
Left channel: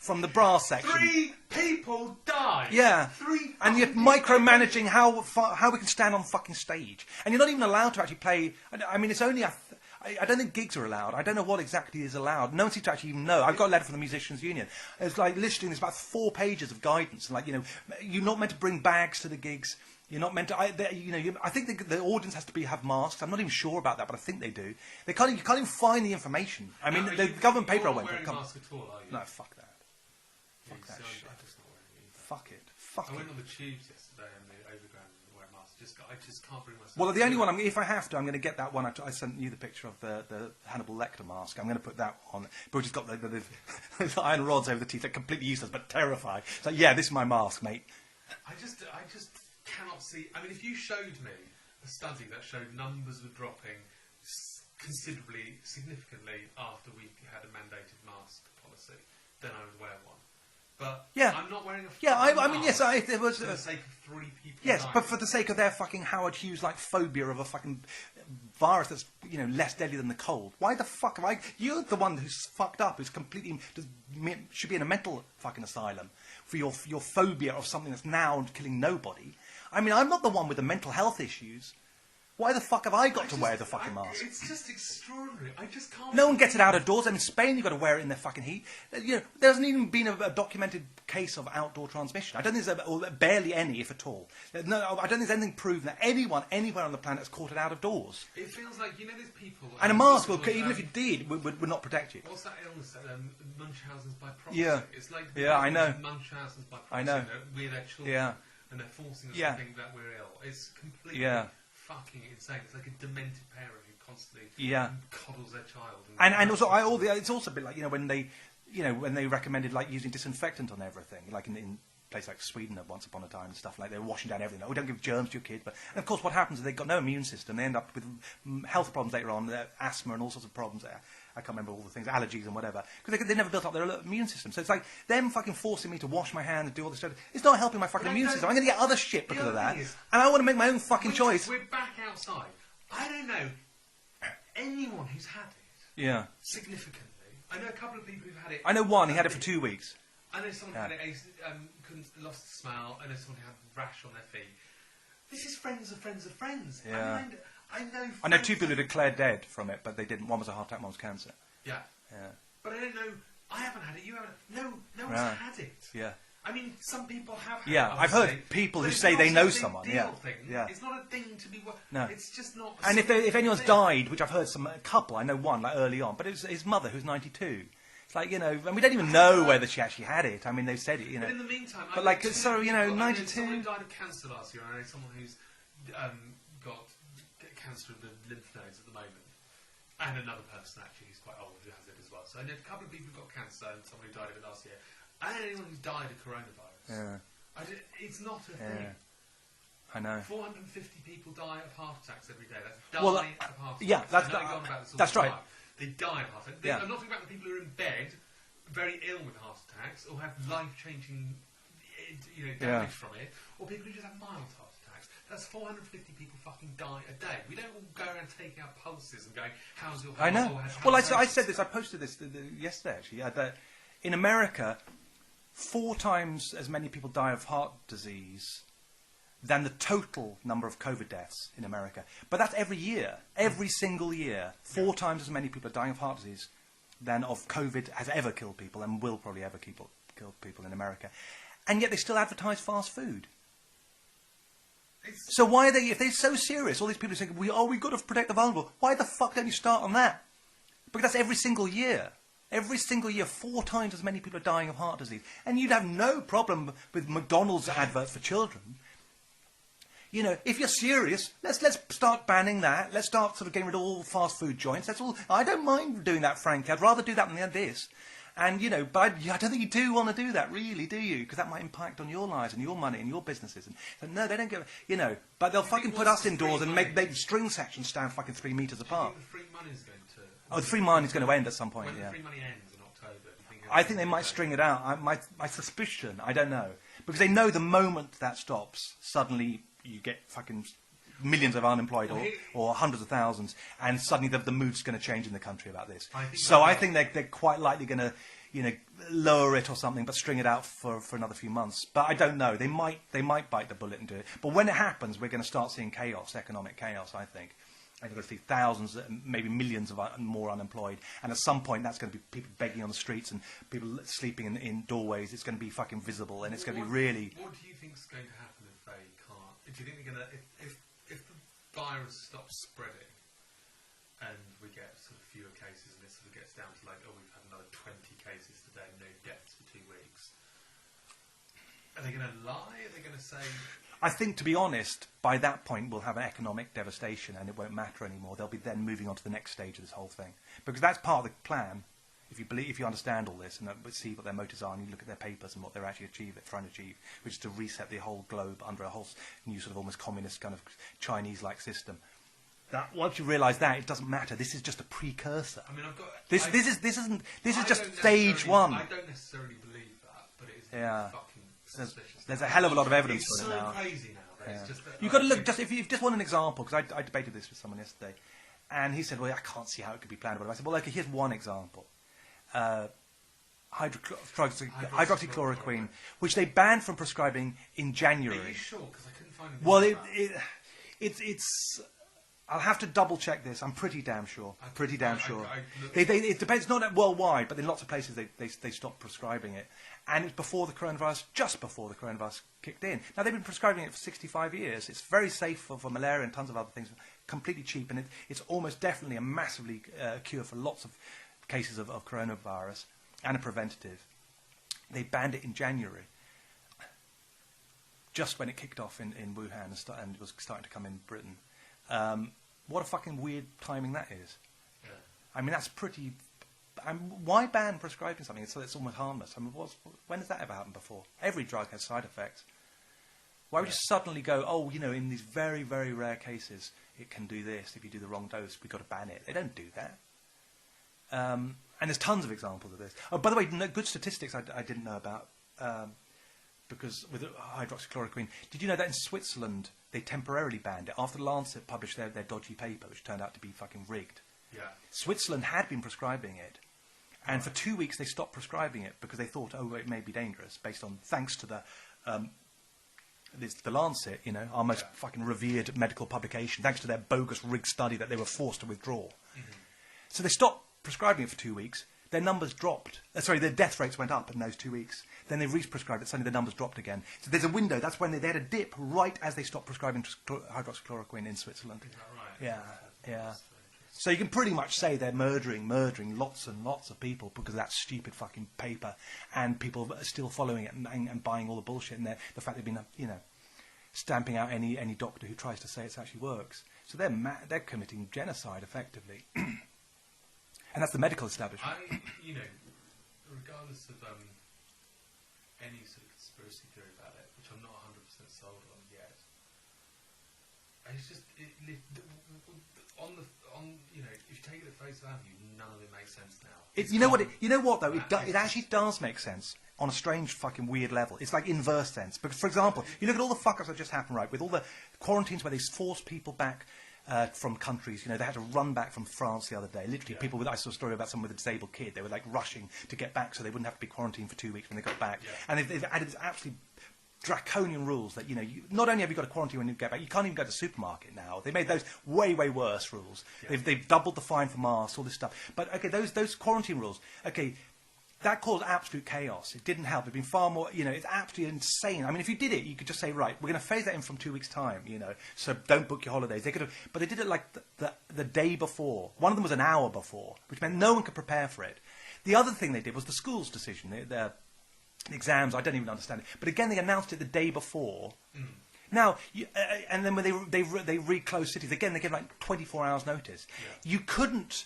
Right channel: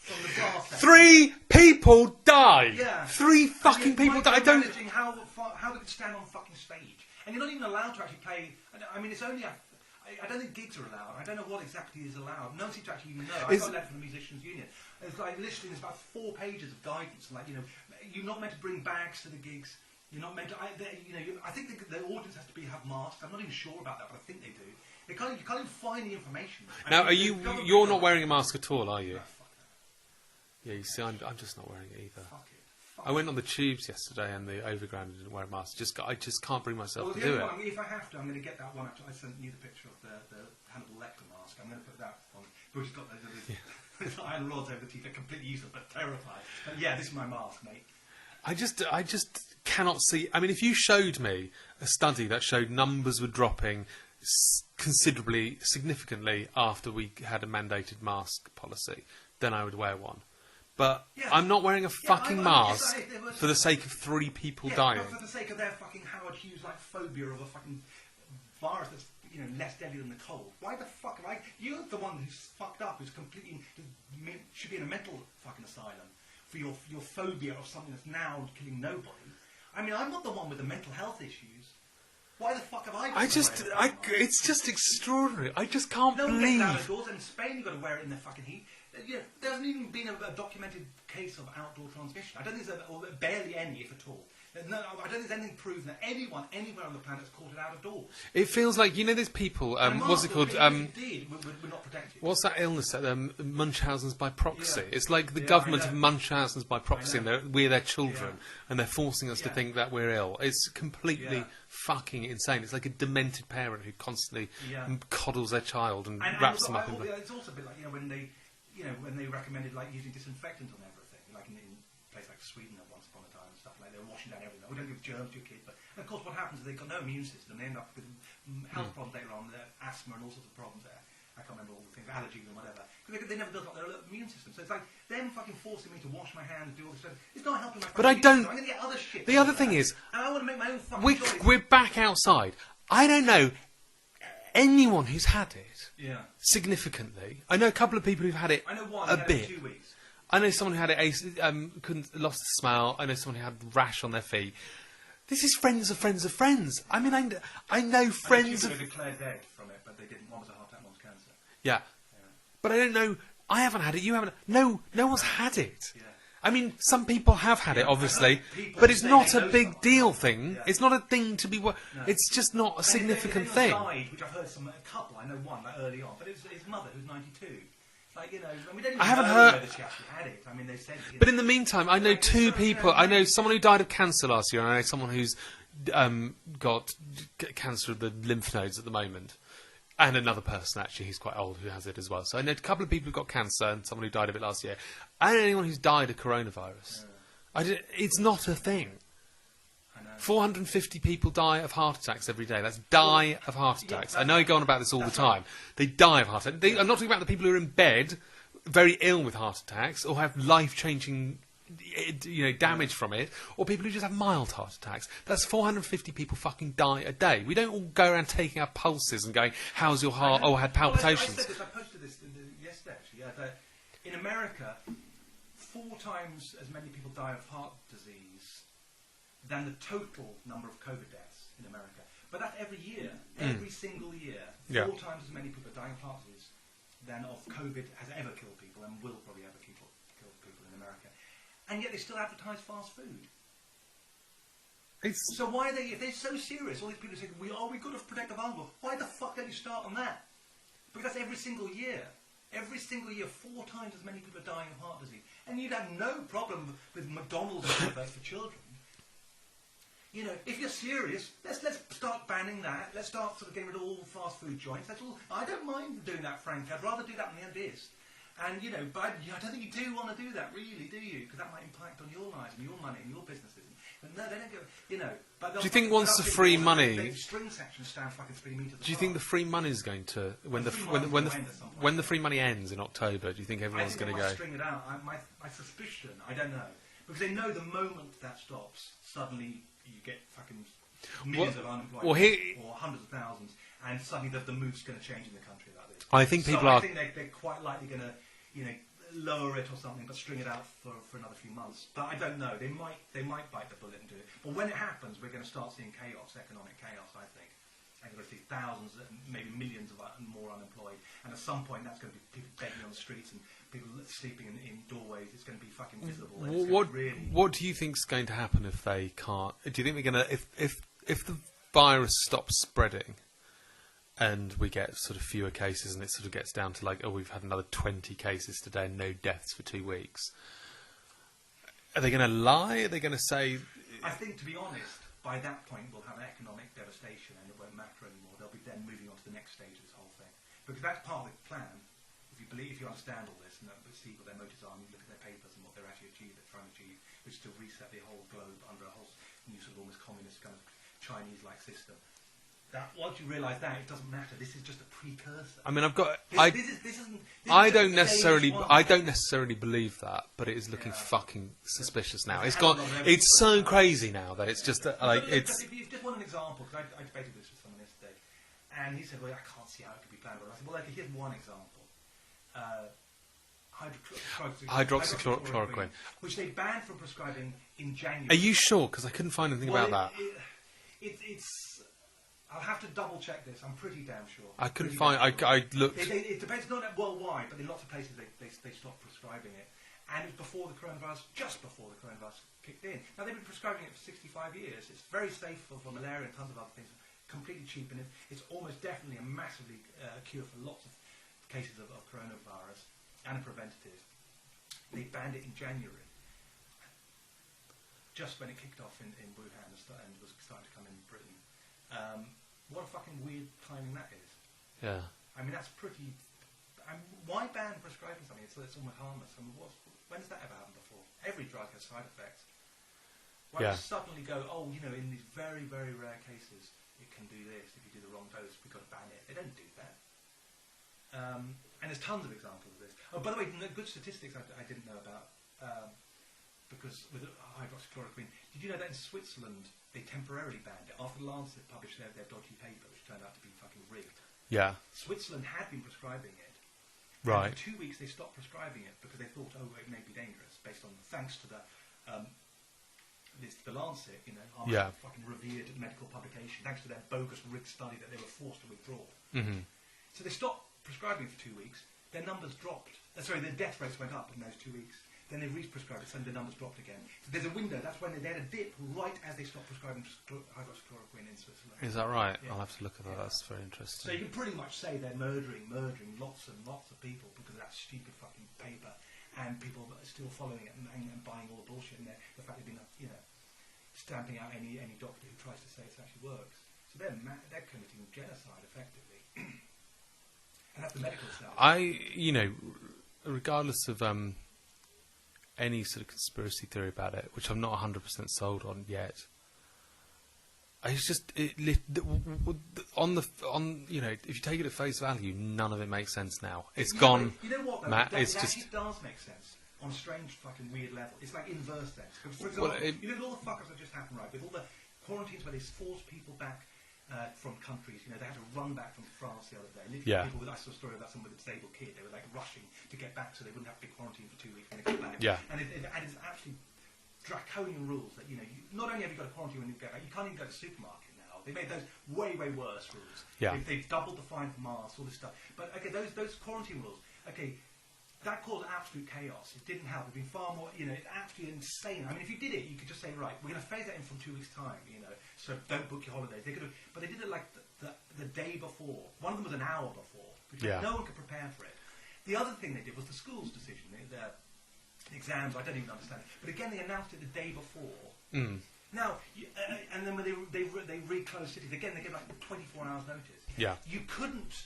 from the brass section. 3 people died. Yeah, 3 fucking people. And you're micromanaging how we can stand on fucking stage, and you're not even allowed to actually play. I mean, it's only I don't think gigs are allowed. I don't know what exactly is allowed. No one seems to actually even know. I've got a letter from the Musicians Union. It's like literally there's about 4 pages of guidance. Like, you're not meant to bring bags to the gigs. You're not meant to. I think the audience has to have masks. I'm not even sure about that, but I think they do. You can't even find the information. You're not wearing a mask at all, are you? No, fuck that. Yeah, you see, I'm just not wearing it either. Fuck it. I went on the tubes yesterday and the overground didn't wear a mask. I just can't bring myself. Well, the only one, if I have to, I'm going to get that one. I sent you the picture of the Hannibal Lecter mask. I'm going to put that on. But it's got the iron rods over the teeth. They're completely useless, but terrifying. So yeah, this is my mask, mate. I just cannot see. I mean, if you showed me a study that showed numbers were dropping considerably, significantly after we had a mandated mask policy, then I would wear one. But I'm not wearing a fucking mask for the sake of 3 people dying. Yes, but for the sake of their fucking Howard Hughes-like phobia of a fucking virus that's, less deadly than the cold. Why the fuck am I... You're the one who's fucked up, who's completely... should be in a mental fucking asylum for your phobia of something that's now killing nobody. I mean, I'm not the one with the mental health issues. Why the fuck have I got to wear the fucking mask? It's just extraordinary. I just can't. No one gets it out of doors. In Spain, you've got to wear it in the fucking heat. You know, there hasn't even been a documented case of outdoor transmission. I don't think there's barely any, if at all. No, I don't think there's anything proven that anyone anywhere on the planet has caught it out of doors. It feels like, you know, there's people. And a mask, even if it did, would not protect you. What's that illness? Munchausen's by proxy. Yeah. It's like the government of Munchausen's by proxy. And we're their children, and they're forcing us to think that we're ill. It's completely fucking insane. It's like a demented parent who constantly coddles their child and also, it's also a bit like, when they recommended like using disinfectant on everything, like in place like Sweden once upon a time and stuff, like they were washing down everything. Oh, don't give germs to your kid. And of course what happens is they've got no immune system. They end up with health problems later on, asthma and all sorts of problems there. I can't remember all the things, allergies and whatever, because they never built up their immune system. So it's like them fucking forcing me to wash my hands and do all this stuff. It's not helping my fucking immune system. I'm going to get other shit. The other thing is, and I want to make my own fucking choice. We're back outside. I don't know anyone who's had it. Yeah. Significantly. I know a couple of people who've had it. I know one. He had it for 2 weeks. I know someone who had it. Lost the smell. I know someone who had rash on their feet. This is friends of friends of friends. Yeah. I mean, I know friends. I know 2 people who declared dead from it, but they didn't. One was a heart attack, one was cancer. Yeah. But I don't know. I haven't had it. You haven't. No one's had it. Yeah. I mean, some people have had it, obviously. I've heard people but who it's say not they know a big someone. deal thing. Yeah. It's not a thing to be. No. It's just not a significant if anyone's thing. died, which I've heard a couple, I know one like early on, but it was his mother who's 92. It's like, and we don't even know whether she actually had it. I mean, they've said it. But in the meantime, I know two people. I know someone who died of cancer last year, and I know someone who's got cancer of the lymph nodes at the moment. And another person, actually, who's quite old, who has it as well. So I know a couple of people who've got cancer and someone who died of it last year. I don't know anyone who's died of coronavirus. Yeah. It's not a thing. I know. 450 people die of heart attacks every day. That's of heart attacks. Yeah, I know you go on about this all the time. Right. They die of heart attacks. I'm not talking about the people who are in bed, very ill with heart attacks, or have life-changing damage from it, or people who just have mild heart attacks. That's 450 people fucking die a day. We don't all go around taking our pulses and going, how's your heart? Oh, I had palpitations. Well, I said this, I posted this yesterday actually, that in America 4 times as many people die of heart disease than the total number of COVID deaths in America. But that's every year. Every single year. 4 times as many people are dying of heart disease than of COVID has ever killed people and will probably ever kill people in America. And yet they still advertise fast food. So why are they, if they're so serious, all these people saying, we've got to protect the vulnerable, why the fuck don't you start on that? Because that's every single year. Every single year, 4 times as many people are dying of heart disease. And you'd have no problem with McDonald's adverts for children. If you're serious, let's start banning that. Let's start sort of getting rid of all fast food joints. That's all. I don't mind doing that, frankly. I'd rather do that than this. And, but I don't think you do want to do that, really, do you? Because that might impact on your lives and your money and your businesses. And no, they don't go, but they'll fucking put us indoors and make string sections stand fucking 3 metres apart. Do you think the free money is going to... the free money is going to end at some point. When the free money ends in October, do you think everyone's I think they might string it out. My suspicion, I don't know. Because they know the moment that stops, suddenly you get fucking... millions of unemployed, or hundreds of thousands, and suddenly the mood's going to change in the country about this. I think they're quite likely going to, lower it or something, but string it out for another few months. But I don't know. They might bite the bullet and do it. But when it happens, we're going to start seeing chaos, economic chaos. I think. And you're going to see thousands, maybe millions of more unemployed. And at some point, that's going to be people begging on the streets and people sleeping in doorways. It's going to be fucking visible, and it's going to be really. What do you think's going to happen if they can't? Do you think they're going to if the virus stops spreading and we get sort of fewer cases and it sort of gets down to like, we've had another 20 cases today and no deaths for 2 weeks, are they going to lie? Are they going to say... I think, to be honest, by that point we'll have an economic devastation and it won't matter anymore. They'll be then moving on to the next stage of this whole thing. Because that's part of the plan. If you understand all this and see what their motives are and you look at their papers and what they're actually trying to achieve, which is to reset the whole globe under a whole new sort of almost communist kind of Chinese-like system. That once you realise that, it doesn't matter. This is just a precursor. I mean, I've got this isn't. This is just stage 1. I don't necessarily believe that, but it is looking fucking suspicious now. There's a hell of a lot of evidence. It's so crazy now that it's just. You've got to look. If you just want an example, because I debated this with someone yesterday, and he said, "Well, I can't see how it could be planned." But I said, "Well, okay, here's one example." Hydroxychloroquine, which they banned from prescribing in January. Are you sure? Because I couldn't find anything about that. I'll have to double check this. I'm pretty damn sure. I couldn't find. I looked. It depends, not worldwide, but in lots of places they stopped prescribing it, and it's before the coronavirus, just before the coronavirus kicked in. Now they've been prescribing it for 65 years. It's very safe for malaria and tons of other things. Completely cheap, and it's almost definitely a massively cure for lots of cases of coronavirus and a preventative. They banned it in January, just when it kicked off in Wuhan and was starting to come in Britain. What a fucking weird timing that is. Yeah. I mean, that's pretty... why ban prescribing something so it's almost harmless? I mean, when has that ever happened before? Every drug has side effects. Why would you suddenly go, oh, you know, in these very, very rare cases, it can do this. If you do the wrong dose, we've got to ban it. They don't do that. And there's tons of examples of this. Oh, by the way, good statistics I didn't know about. Because with hydroxychloroquine, did you know that in Switzerland they temporarily banned it after the Lancet published their dodgy paper, which turned out to be fucking rigged? Yeah. Switzerland had been prescribing it, and for 2 weeks they stopped prescribing it because they thought, oh, it may be dangerous, thanks to the Lancet, you know, our most fucking revered medical publication, thanks to their bogus rigged study that they were forced to withdraw. Mm-hmm. So they stopped prescribing it for 2 weeks. Their numbers dropped. Their death rates went up in those 2 weeks. Then they re-prescribed it. Suddenly the numbers dropped again. So there's a window. That's when they had a dip right as they stopped prescribing hydroxychloroquine in Switzerland. Is that right? Yeah. I'll have to look at that. That's very interesting. So you can pretty much say they're murdering lots and lots of people because of that stupid fucking paper, and people are still following it and buying all the bullshit, and the fact they've been, you know, stamping out any doctor who tries to say it actually works. So they're committing genocide effectively. And that's the medical establishment. Regardless of any sort of conspiracy theory about it, which I'm not 100% sold on yet, it's just if you take it at face value, none of it makes sense now. You know what though? It actually does make sense on a strange fucking weird level. It's like inverse sense. Because, for example, you look at all the fuck-ups that just happened, right? With all the quarantines where they forced people back from countries, you know, they had to run back from France the other day. Literally, I saw a story about someone with a disabled kid. They were like rushing to get back so they wouldn't have to be quarantined for 2 weeks when they got back. Yeah. And they've added absolutely draconian rules that, you know, not only have you got to quarantine when you get back, you can't even go to the supermarket now. They made those way, way worse rules. Yeah. They've doubled the fine for masks, all this stuff. But, okay, those quarantine rules, okay, that caused absolute chaos. It didn't help. It'd been far more, you know, it's absolutely insane. I mean, if you did it, you could just say, right, we're going to phase that in from 2 weeks' time, you know, so don't book your holidays. They could have, but they did it like the day before. One of them was an hour before, which meant no one could prepare for it. The other thing they did was the school's decision. The exams, I don't even understand it. But again, they announced it the day before. Mm. Now, and then when they reclosed cities, again, they gave like 24 hours notice. Yeah. You couldn't...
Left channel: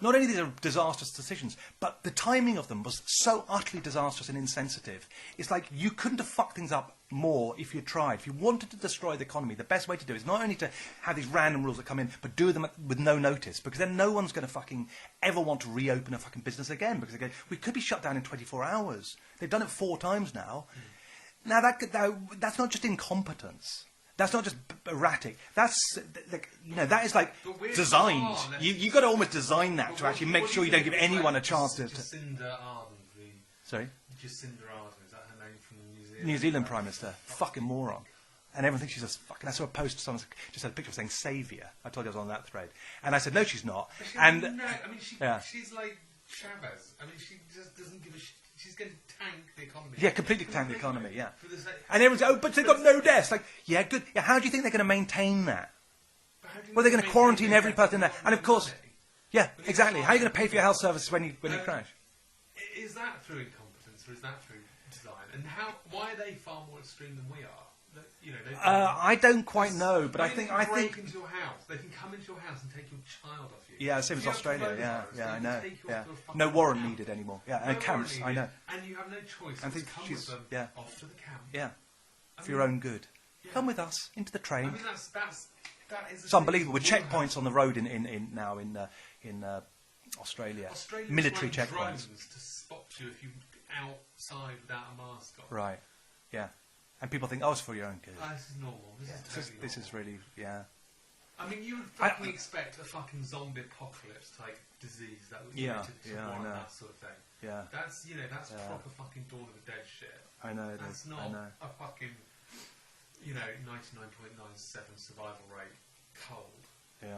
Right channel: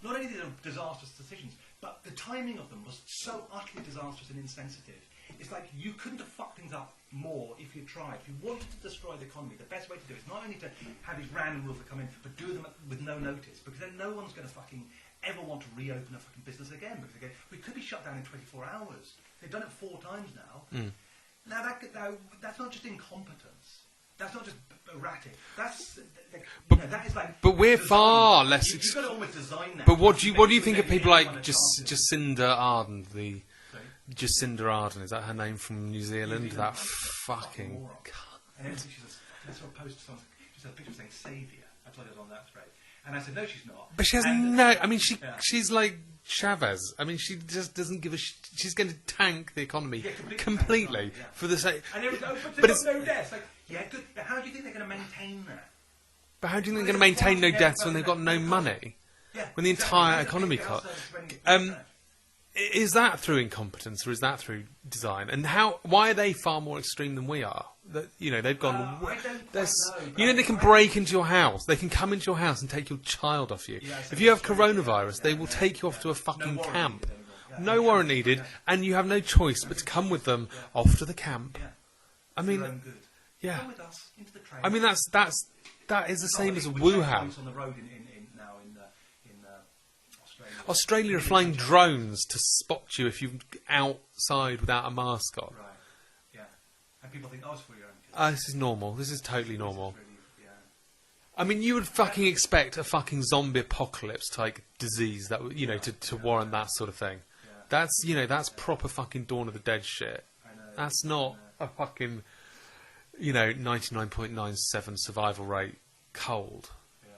Not only these are disastrous decisions, but the timing of them was so utterly disastrous and insensitive. It's like you couldn't have fucked things up more if you tried. If you wanted to destroy the economy, the best way to do it is not only to have these random rules that come in, but do them with no notice, because then no one's going to fucking ever want to reopen a fucking business again, because they go, we could be shut down in 24 hours. They've done it 4 times now. Mm. Now, that's not just incompetence. That's not just erratic. That's that is like. But we're designed. Far less. You've got to almost design that. But what do you think of people like Jacinda Ardern? Sorry, Jacinda Ardern, is that her name from New Zealand? New Zealand Prime Minister. Fucking moron. And everyone thinks she's a fucking... I saw a post, someone just had a picture saying saviour. I told you I was on that thread. And I said, no, she's not. But she has I mean, she's like Chavez. I mean, she just doesn't give a... She's going to tank the economy. Yeah, completely. Tank the economy, yeah. For the sake... And everyone's but they've got no deaths. Like, yeah, good. Yeah, how do you think they're going to maintain that? But how do you think they're going to maintain no deaths when they've got no money? Yeah, when the exactly. entire how are you going to pay for your health services when you crash? Is that through incompetence or is that through design? And why are they far more extreme than we are? That, you know, they've gone... I don't quite know. But they can break into your house. They can come into your house and take your child off you. Yeah, if you have coronavirus, they will take you off to a fucking camp. No warrant needed anymore. Yeah, no warrant needed. And you have no choice but to come with them off to the camp. Yeah. I mean, for your own good. Yeah. Come with us into the train. I mean, that is the same as with checkpoints on the road in Australia. Australia are flying drones to spot you if you're outside without a mask on. Right. Yeah. And people think, it's for your own good. This is normal. This is totally normal. This is really, yeah. I mean, you would fucking expect a fucking zombie apocalypse type disease that you know to warrant that sort of thing. Yeah. That's proper fucking Dawn of the Dead shit. I know. That's not a fucking 99.97 survival rate cold. Yeah.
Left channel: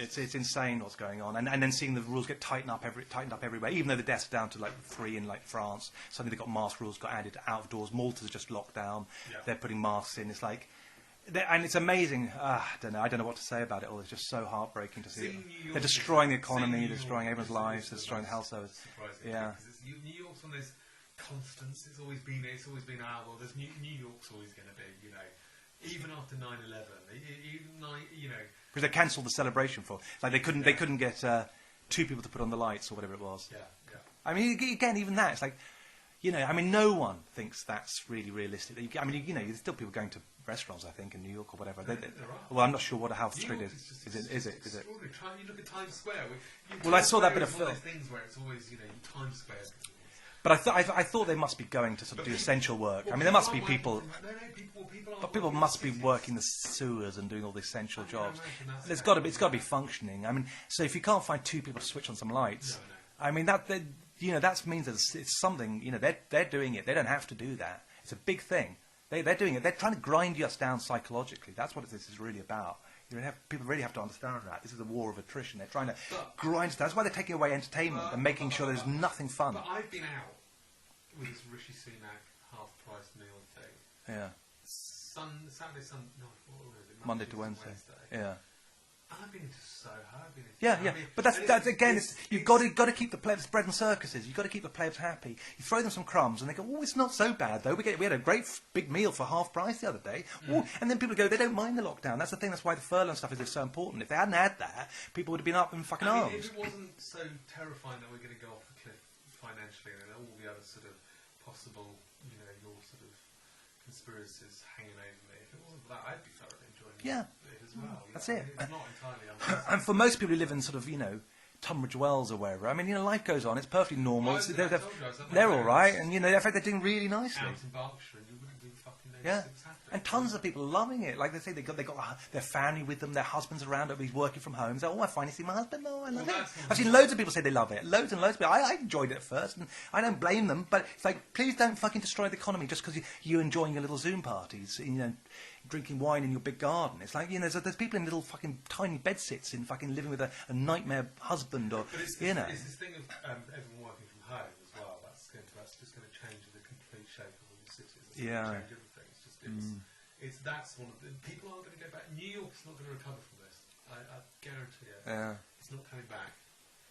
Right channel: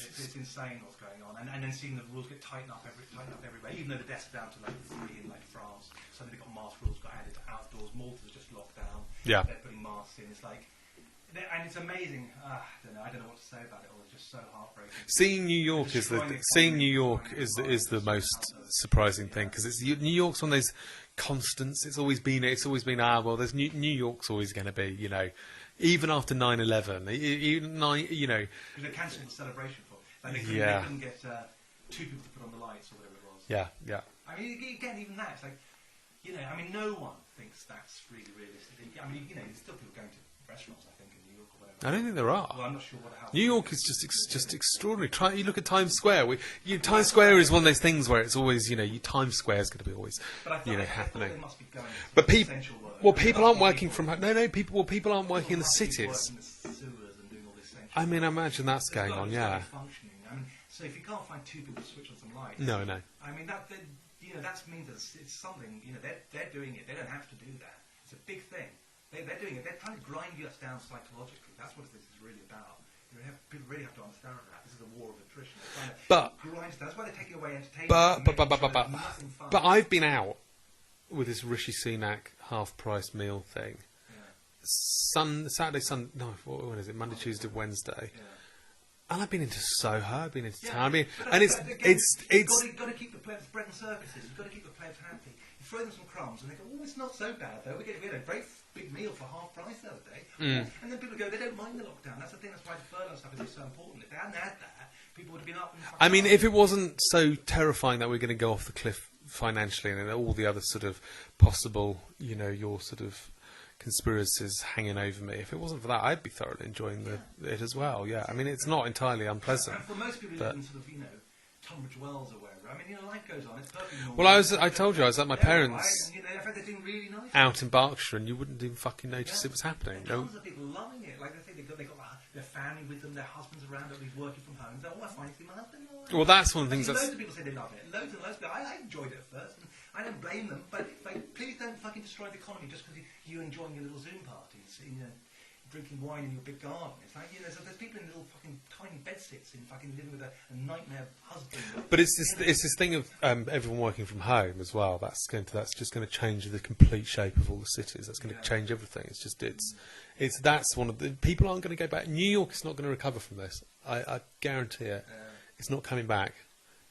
It's insane what's going on, and then seeing the rules get tightened up everywhere. Even though the deaths are down to like 3 in like France, suddenly they've got mask rules got added to outdoors. Malta's just locked down. Yeah. They're putting masks in. It's like, and it's amazing. I don't know what to say about it all. It's just so heartbreaking. To seeing New York is the most surprising thing, because New York's one of those constants. It's always been well, there's New York's always going to be, you know. Even after 9/11, you know, because they cancelled the celebration for, like, they couldn't get 2 people to put on the lights or whatever it was. Yeah. I mean, again, even that, it's like, you know, I mean, no one thinks that's really realistic. I mean, you know, there's still people going to restaurants, I think, in New York or whatever. I don't think there are. Well, I'm not sure how. New York is just extraordinary. You look at Times Square. Times Square is one of those things where it's always, you know, Times Square is going to be always. But I thought they must be going to sort of essential work. Well, people aren't working from home. No, people aren't working in the cities. People must be working the sewers and doing all the essential jobs. I mean, imagine that's going on. It's got to be functioning. I mean, so if you can't find 2 people to switch on some lights, no. I mean that means that it's something. You know, they're doing it. They don't have to do that. It's a big thing. They're doing it. They're trying to grind us down psychologically. That's what this is really about. People really have to understand that. This is a war of attrition. They're trying to grind us down. That's why they're taking away entertainment and making sure there's nothing fun. But I've been out with this Rishi Sunak half-price meal thing. Yeah. Saturday, Sunday. No, when is it? Monday, Tuesday, Wednesday. Yeah. And I've been into Soho. I've been into. Yeah. But that's again. You've got to keep the plebs bread and circuses. You've got to keep the plebs happy. You throw them some crumbs, and they go, "Oh, it's not so bad though. We had a great big meal for half price the other day." And then people go, "They don't mind the lockdown." That's the thing. That's why the furlough stuff is so important. If they hadn't had that, people would have been up and fucking. I mean, if it wasn't so terrifying that we're going to go off the cliff financially, and then all the other sort of possible, you know, your sort of conspiracies hanging over me. If it wasn't for that, I'd be thoroughly enjoying it as well. Yeah, I mean, it's not entirely unpleasant. And for most people who live in sort of, you know, Tunbridge Wells or wherever, I mean, you know, life goes on. It's perfectly normal. Well, I told you I was at my parents'. They're all right, and you know, in fact, they're doing really nicely out in Berkshire, and you wouldn't even fucking notice it was happening. And tons of people are loving it. Like they say, they got their family with them, their husbands around, and he's working from home. So, I finally see my husband. Well, that's one of the things. I've seen loads of people say they love it. Loads and loads of people. I enjoyed it at first, and I don't blame them. But it's like, please don't fucking destroy the economy just because you're enjoying your little Zoom parties. You know, drinking wine in your big garden. It's like, you know, there's people in little fucking tiny bedsits in fucking living with a nightmare husband. But it's this thing of everyone working from home as well. That's just going to change the complete shape of all the cities. That's going to change everything. It's just that's one of the people aren't going to go back. New York is not going to recover from this. I guarantee it. Yeah. It's not coming back.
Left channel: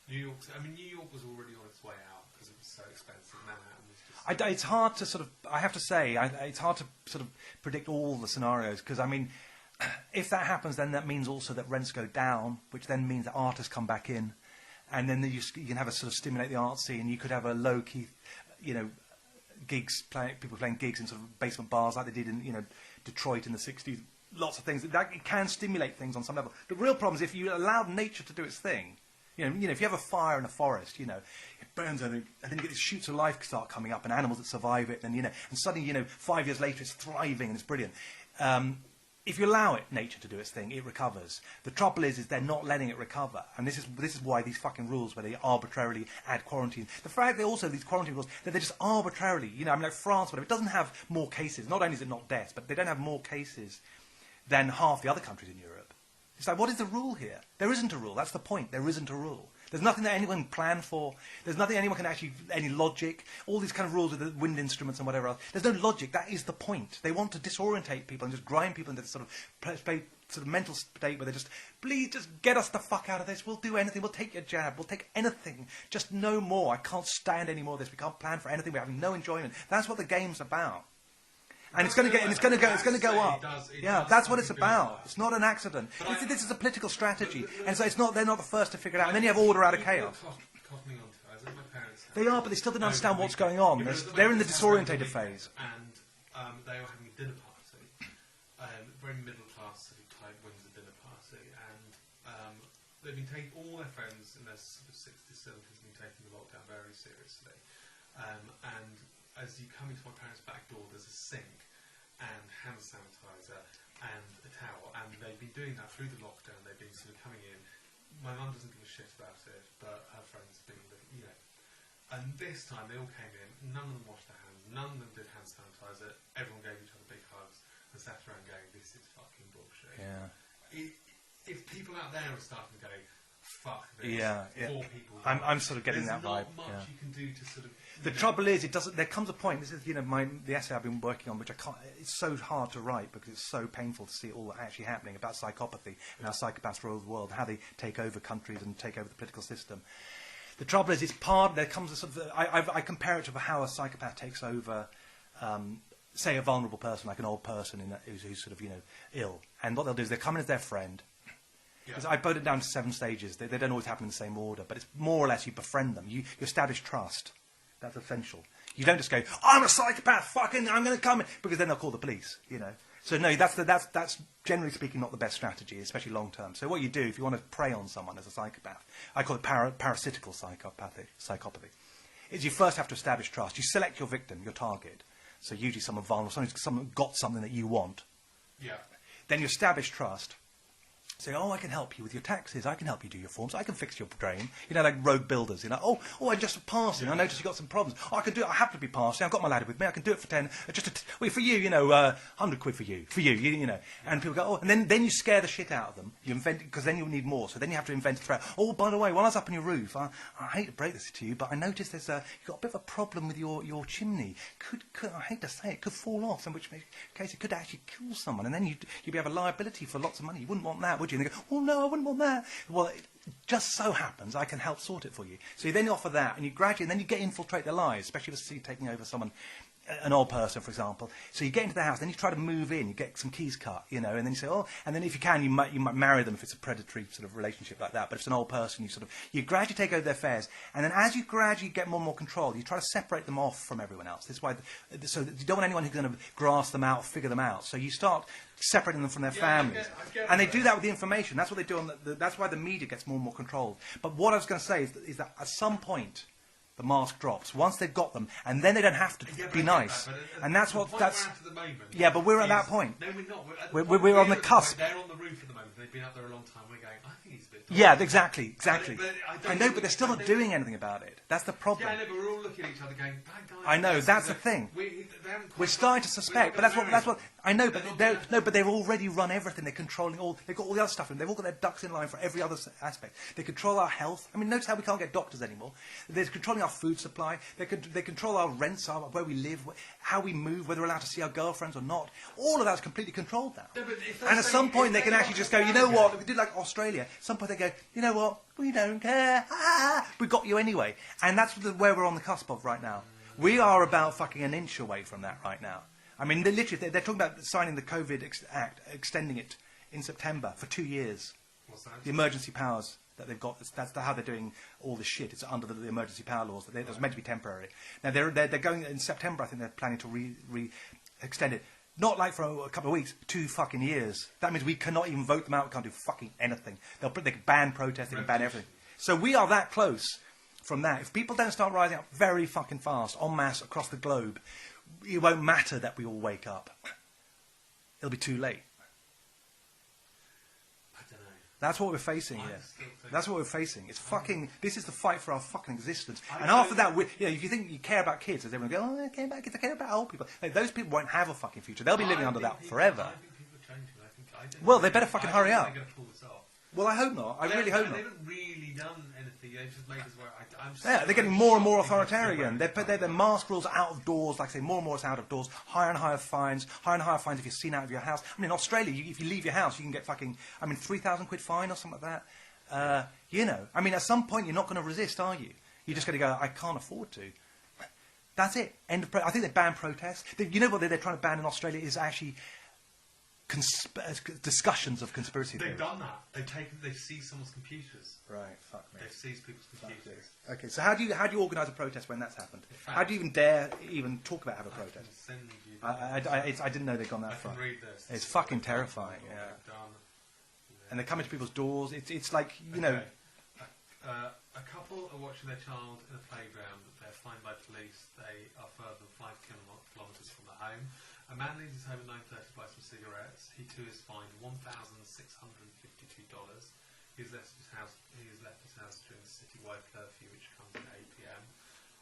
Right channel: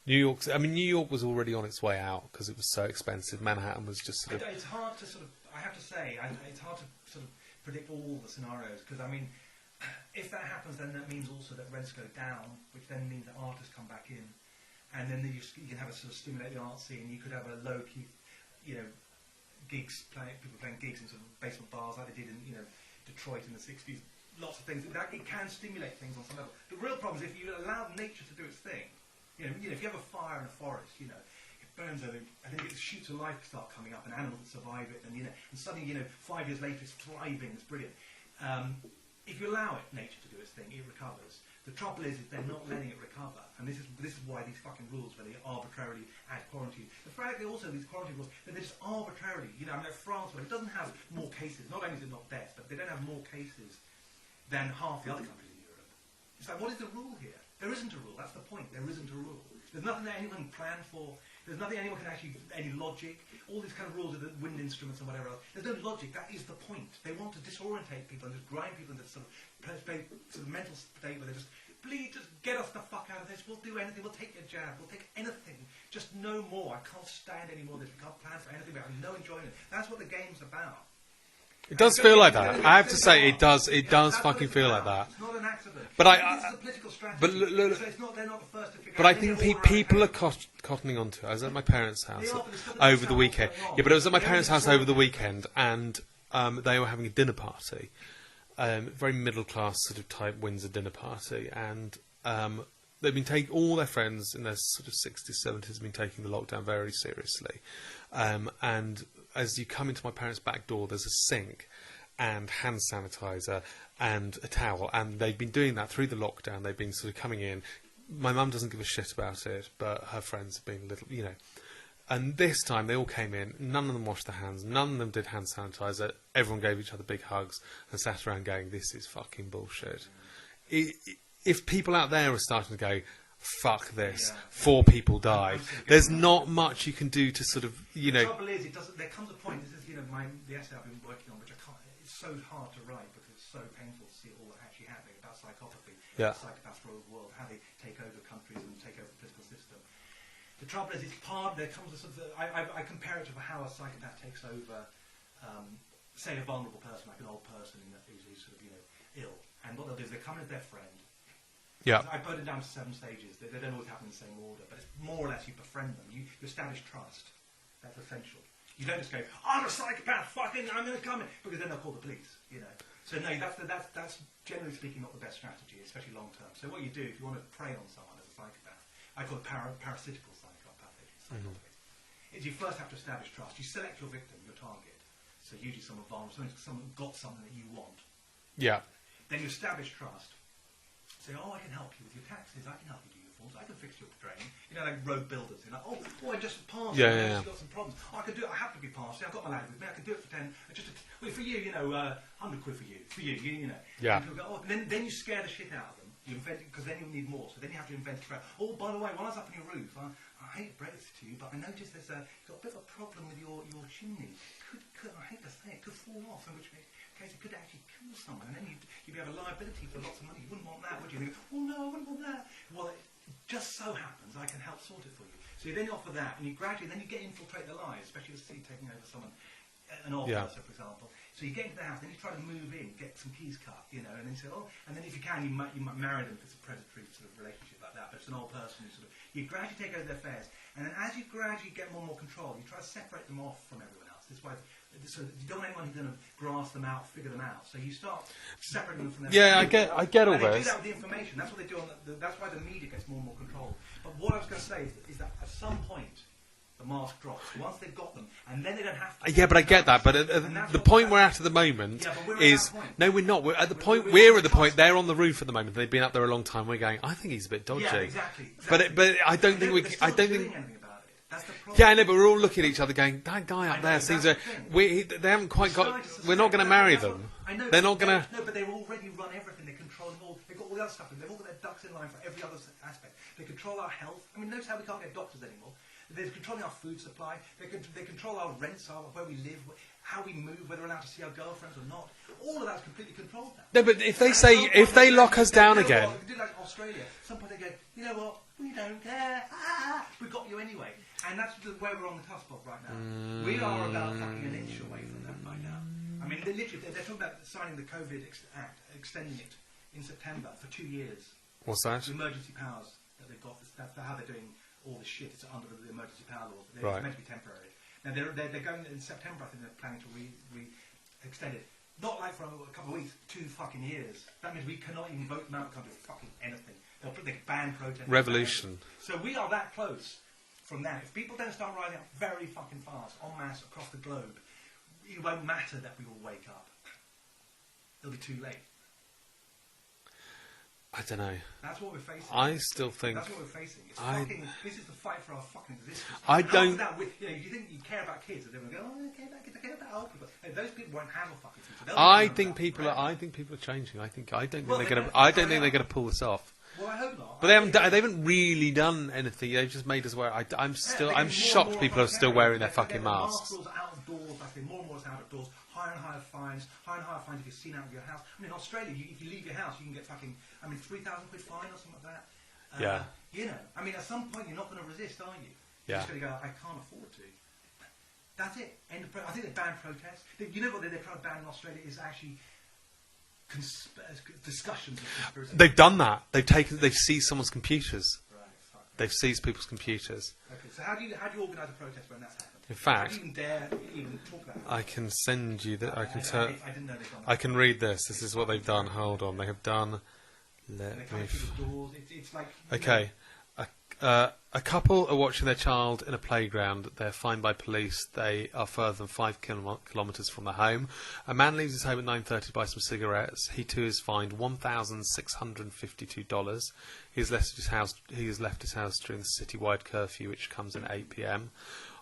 New York was already on its way out because it was so expensive. Manhattan was just. It's hard to sort of. I have to say, it's hard to sort of predict all the scenarios because, I mean, if that happens, then that means also that rents go down, which then means that artists come back in, and then you can have a sort of stimulate the art scene. You could have a low key, you know, people playing gigs in sort of basement bars like they did in, you know, Detroit in the 60s. Lots of things that it can stimulate things on some level. The real problem is if you allow nature to do its thing. You know, if you have a fire in a forest, you know, it burns and then you get these shoots of life start coming up and animals that survive it, and you know, and suddenly, you know, 5 years later it's thriving and it's brilliant. If you allow it, nature to do its thing, it recovers. The trouble is they're not letting it recover, and this is why these fucking rules where they arbitrarily add quarantine. The fact that also these quarantine rules that they're just arbitrarily, you know, I mean, like France, whatever, it doesn't have more cases. Not only is it not deaths, but they don't have more cases than half the other countries in Europe. It's like, what is the rule here? There isn't a rule. That's the point. There isn't a rule. There's nothing that anyone can plan for. There's nothing anyone can actually, any logic. All these kind of rules with the wind instruments and whatever else. There's no logic. That is the point. They want to disorientate people and just grind people into this sort of mental state where they just, please just get us the fuck out of this. We'll do anything. We'll take your jab. We'll take anything. Just no more. I can't stand any more of this. We can't plan for anything. We're having no enjoyment. That's what the game's about. It does feel like that. I have to say, it does fucking feel like that. It's not an accident. But this is a political strategy. It's not. They're not the first to figure it out. out. Then you have order out of chaos. People are cottoning onto it. I was at my parents' house. They are, but they still don't understand what's going on. Yeah, but I was at my parents' house over the weekend, and they were having a dinner party, very middle class sort of type Windsor dinner party, and they've been taking all their friends in their sort of 60s, 70s have been taking the lockdown very seriously, and as you come into my parents' back door, there's a sink and hand sanitizer and a towel, and they've been doing that through the lockdown. They've been sort of coming in. My mum doesn't give a shit about it, but her friends have been a little, you know. And this time they all came in. None of them washed their hands. None of them did hand sanitizer. Everyone gave each other big hugs and sat around going, "This is fucking bullshit." Yeah. if people out there are starting to go, fuck this, Yeah, 4 people died, I'm sort of getting there's that not vibe, much you can do to sort of, the trouble is, it doesn't. There comes a point. This is, the essay I've been working on, which I can't. It's so hard to write because it's so painful to see it all actually happening about psychopathy, how psychopaths rule the world, how they take over countries and take over the political system. The trouble is, there comes a sort of. I compare it to how a psychopath takes over, say, a vulnerable person, like an old person who's sort of ill, and what they'll do is they come in as their friend. Yeah. I put it down to 7 stages. They don't always happen in the same order, but it's more or less you befriend them. You establish trust. That's essential. You don't just go, I'm a psychopath, fucking, I'm going to come in, because then they'll call the police, So no, that's generally speaking not the best strategy, especially long term. So what you do if you want to prey on someone as a psychopath, I call it parasitical psychopathy, is you first have to establish trust. You select your victim, your target. So usually someone vulnerable, someone who's got something that you want. Yeah. Then you establish trust. Say, I can help you with your taxes. I can help you do your forms. I can fix your drain. Like road builders. I just passed. I noticed you've got some problems. I can do it. I have to be passed. I've got my ladder with me. I can do it for 10. For you, 100 quid for you. For you, Yeah. And people go, and then you scare the shit out of them. You invent, because then you'll need more. So then you have to invent a threat. Oh, by the way, while I was up on your roof, I hate to break this to you, but I noticed you've got a bit of a problem with your chimney. Could I hate to say it, could fall off, in which case it could actually kill someone, and then you'd have a liability for lots of money. You wouldn't want that, would you? And they go, oh no, I wouldn't want that. Well, it just so happens I can help sort it for you. So you then offer that, and you gradually, and then you get infiltrate their lives, especially if it's taking over someone, an old person, for example. So you get into the house, then you try to move in, you get some keys cut, and then you say, and then if you can, you might marry them if it's a predatory sort of relationship like that. But if it's an old person, you gradually take over their affairs, and then as you gradually get more and more control, you try to separate them off from everyone else. This is why, so you don't want anyone who's going to grasp them out, figure them out. So you start separating them from their family. Yeah, I get all and they this. do that with the information. That's what they do that's why the media gets more and more controlled. But what I was going to say is that at some point, the mask drops once they've got them, and then they don't have to. Yeah, but I get that. But the point we're at the moment. Yeah, but we're at that point. No, we're not. We're at the point. We're at the point. They're on the roof at the moment. They've been up there a long time. We're going, I think he's a bit dodgy. Yeah, exactly. But I don't think they're still not doing anything about it. That's the problem. Yeah, I know, but we're all looking at each other going, that guy. I know, that's the thing. They haven't quite got. We're not going to marry them. I know. They're not going to. No, but they've already run everything. They're controlling all. They've got all the other stuff, and they've all got their ducks in line for every other aspect. They control our health. I mean, notice how we can't get doctors anymore. They're controlling our food supply. They control our rents, where we live, how we move, whether we're allowed to see our girlfriends or not. All of that's completely controlled now. No, but if they lock us down again, what? We did like Australia. At some point they go, you know what? We don't care. We got you anyway. And that's where we're on the cusp of right now. We are about fucking an inch away from that right now. I mean, they're talking about signing the COVID Act, extending it in September for 2 years. What's that? The emergency powers that they've got. That's how they're doing all this shit. It's under the emergency power laws. It's meant to be temporary. Now they're going in September. I think they're planning to extend it. Not like for a couple of weeks, 2 fucking years. That means we cannot even vote them out. We can't do fucking anything. They can ban protest. Revolution. So we are that close from that. If people don't start rising up very fucking fast, en masse, across the globe, it won't matter that we all wake up. It'll be too late. I don't know. That's what we're facing. I still think that's what we're facing. It's fucking. This is the fight for our fucking existence. After that, if you think you care about kids, as everyone go, I care about kids. I care about old people. Like, those people won't have a fucking future. They'll be living under that forever. I think people are changing. I don't think they're going to pull this off. Well, I hope not. But they haven't really done anything. They've just made us wear. I'm shocked people are still wearing their fucking masks. The mask rules are out of doors. Like I say, more and more it's out of doors. Higher and higher fines. Higher and higher fines if you're seen out of your house. I mean, in Australia, if you leave your house, you can get fucking, 3,000 quid fine or something like that. I mean, at some point you're not going to resist, are you? You're just going to go, I can't afford to. That's it. End of I think they ban protests. You know what they're trying to ban in Australia is actually discussions of conspiracy. They've done that. They've seized someone's computers. Right. Fuck me. They've seized people's computers. Okay. So how do you organise a protest when that's happened? In fact, how do you even dare talk about it? I can send you that. I didn't know they'd gone that. I can read this. This is what they've done. Hold on. They have done. And they're coming to people's doors. It's like okay. A couple are watching their child in a playground. They're fined by police. They are further than 5 kilometres from their home. A man leaves his home at 9:30 to buy some cigarettes. He too is fined $1,652. He has left his house during the citywide curfew, which comes in 8 p.m.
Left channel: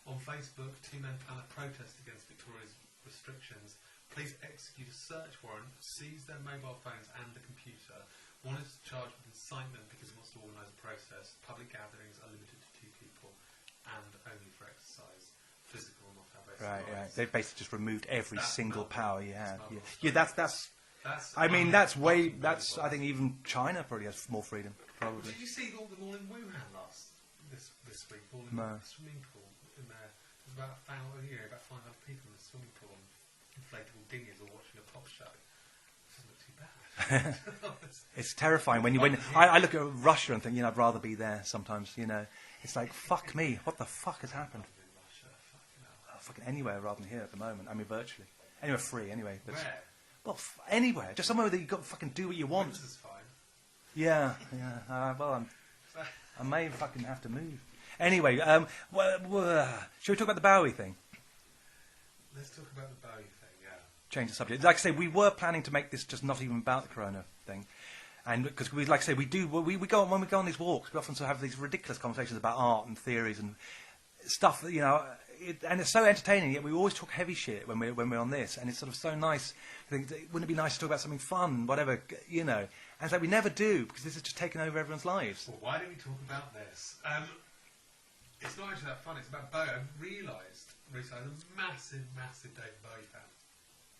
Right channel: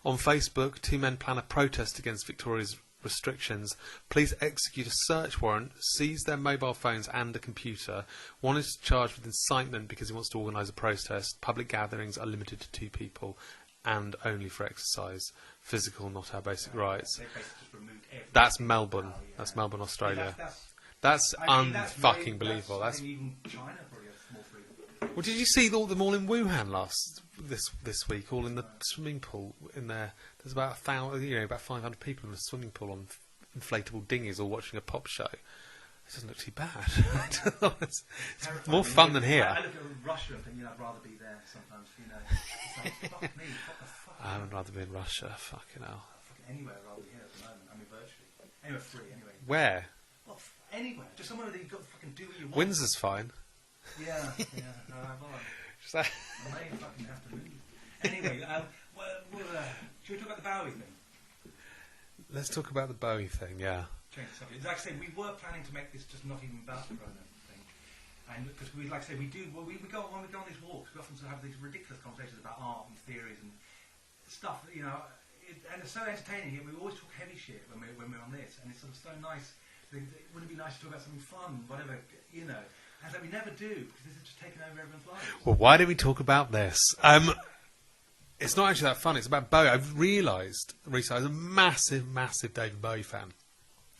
On Facebook, 2 men plan a protest against Victoria's restrictions. Police execute a search warrant, seize their mobile phones and a computer. One is charged with incitement because he wants to organise a protest. Public gatherings are limited to 2 people and only for exercise. Physical, not our basic rights. They've basically just removed every That's single Melbourne. power. That's Melbourne, Australia. That's I mean, that's way. Believable. I think even China probably has more freedom. Well, did you see them all in Wuhan this week? All in the swimming pool in there. There's about 1,000, about 500 people in a swimming pool on inflatable dinghies, all watching a pop show. It doesn't look too bad. It's terrifying. More fun than here. I look at Russia and think, I'd rather be there sometimes. It's like, fuck me. What the fuck is happening? I'd rather be in Russia. Fucking hell. Fucking anywhere rather than here at the moment. I mean, virtually. Anywhere free, anyway. Where? Well, anywhere. Just somewhere that you've got to fucking do what you want. Windsor's fine. Yeah. Well, I may fucking have to move. Anyway, shall we talk about the Bowie thing? Let's talk about the Bowie thing, yeah. Change the subject. Like I say, we were planning to make this just not even about the Corona thing. And because we, like I say, we go on, when we go on these walks, we often sort of have these ridiculous conversations about art and theories and stuff that, and it's so entertaining, yet we always talk heavy shit when we're on this, and it's sort of so nice. Wouldn't it be nice to talk about something fun, whatever, And it's like we never do, because this is just taking over everyone's lives. Well, why don't we talk about this? It's not actually that fun. It's about Bowie. I've realised recently I was a massive, massive David Bowie fan.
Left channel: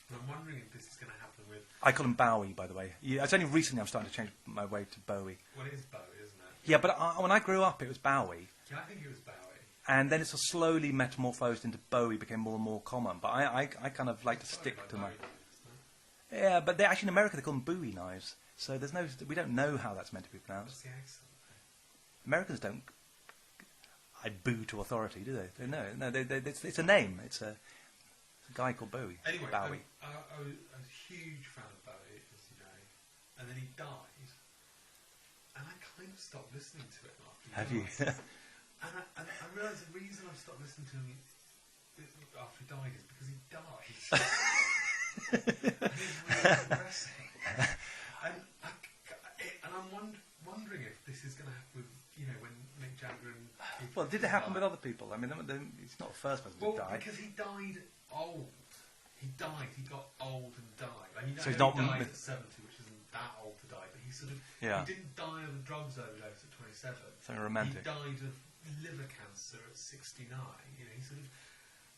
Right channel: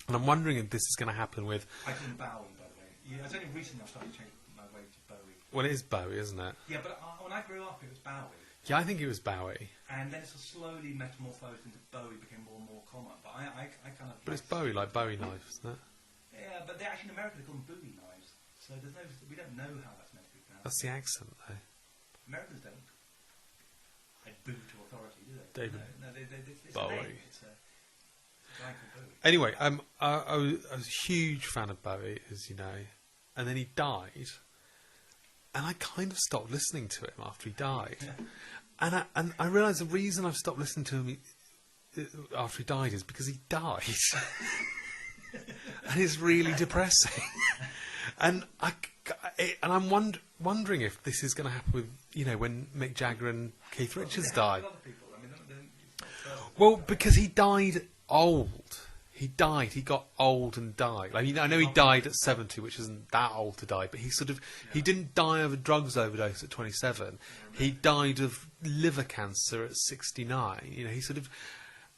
And I'm wondering if this is going to happen with... I call him Bowie, by the way. It's only recently I'm starting to change my way to Bowie. Well, it is Bowie, isn't it? Yeah, but when I grew up, it was Bowie. Yeah, I think it was Bowie. And then it's slowly metamorphosed into Bowie, became more and more common. But I kind of like... It's Bowie, like Bowie knives, isn't it? Yeah, but actually in America they call them Bowie knives. So we don't know how that's meant to be pronounced. That's the accent, though. Americans don't... I boo to authority, do they? No, it's a Bowie. name. It's a guy called Bowie. Anyway, Bowie. I was a huge fan of Bowie, as you know, and then he died, and I kind of stopped listening to him after he died. And I realised the reason I've stopped listening to him after he died is because he died, and it's really depressing. And I'm wondering if this is going to happen with, when Mick Jagger and Keith Richards died. With other people? I mean, it's not the first one. Well, because he died old. He got old and died. I mean, I know he died at 70, which isn't that old to die, but he he didn't die of a drugs overdose at 27. He died of liver cancer at 69.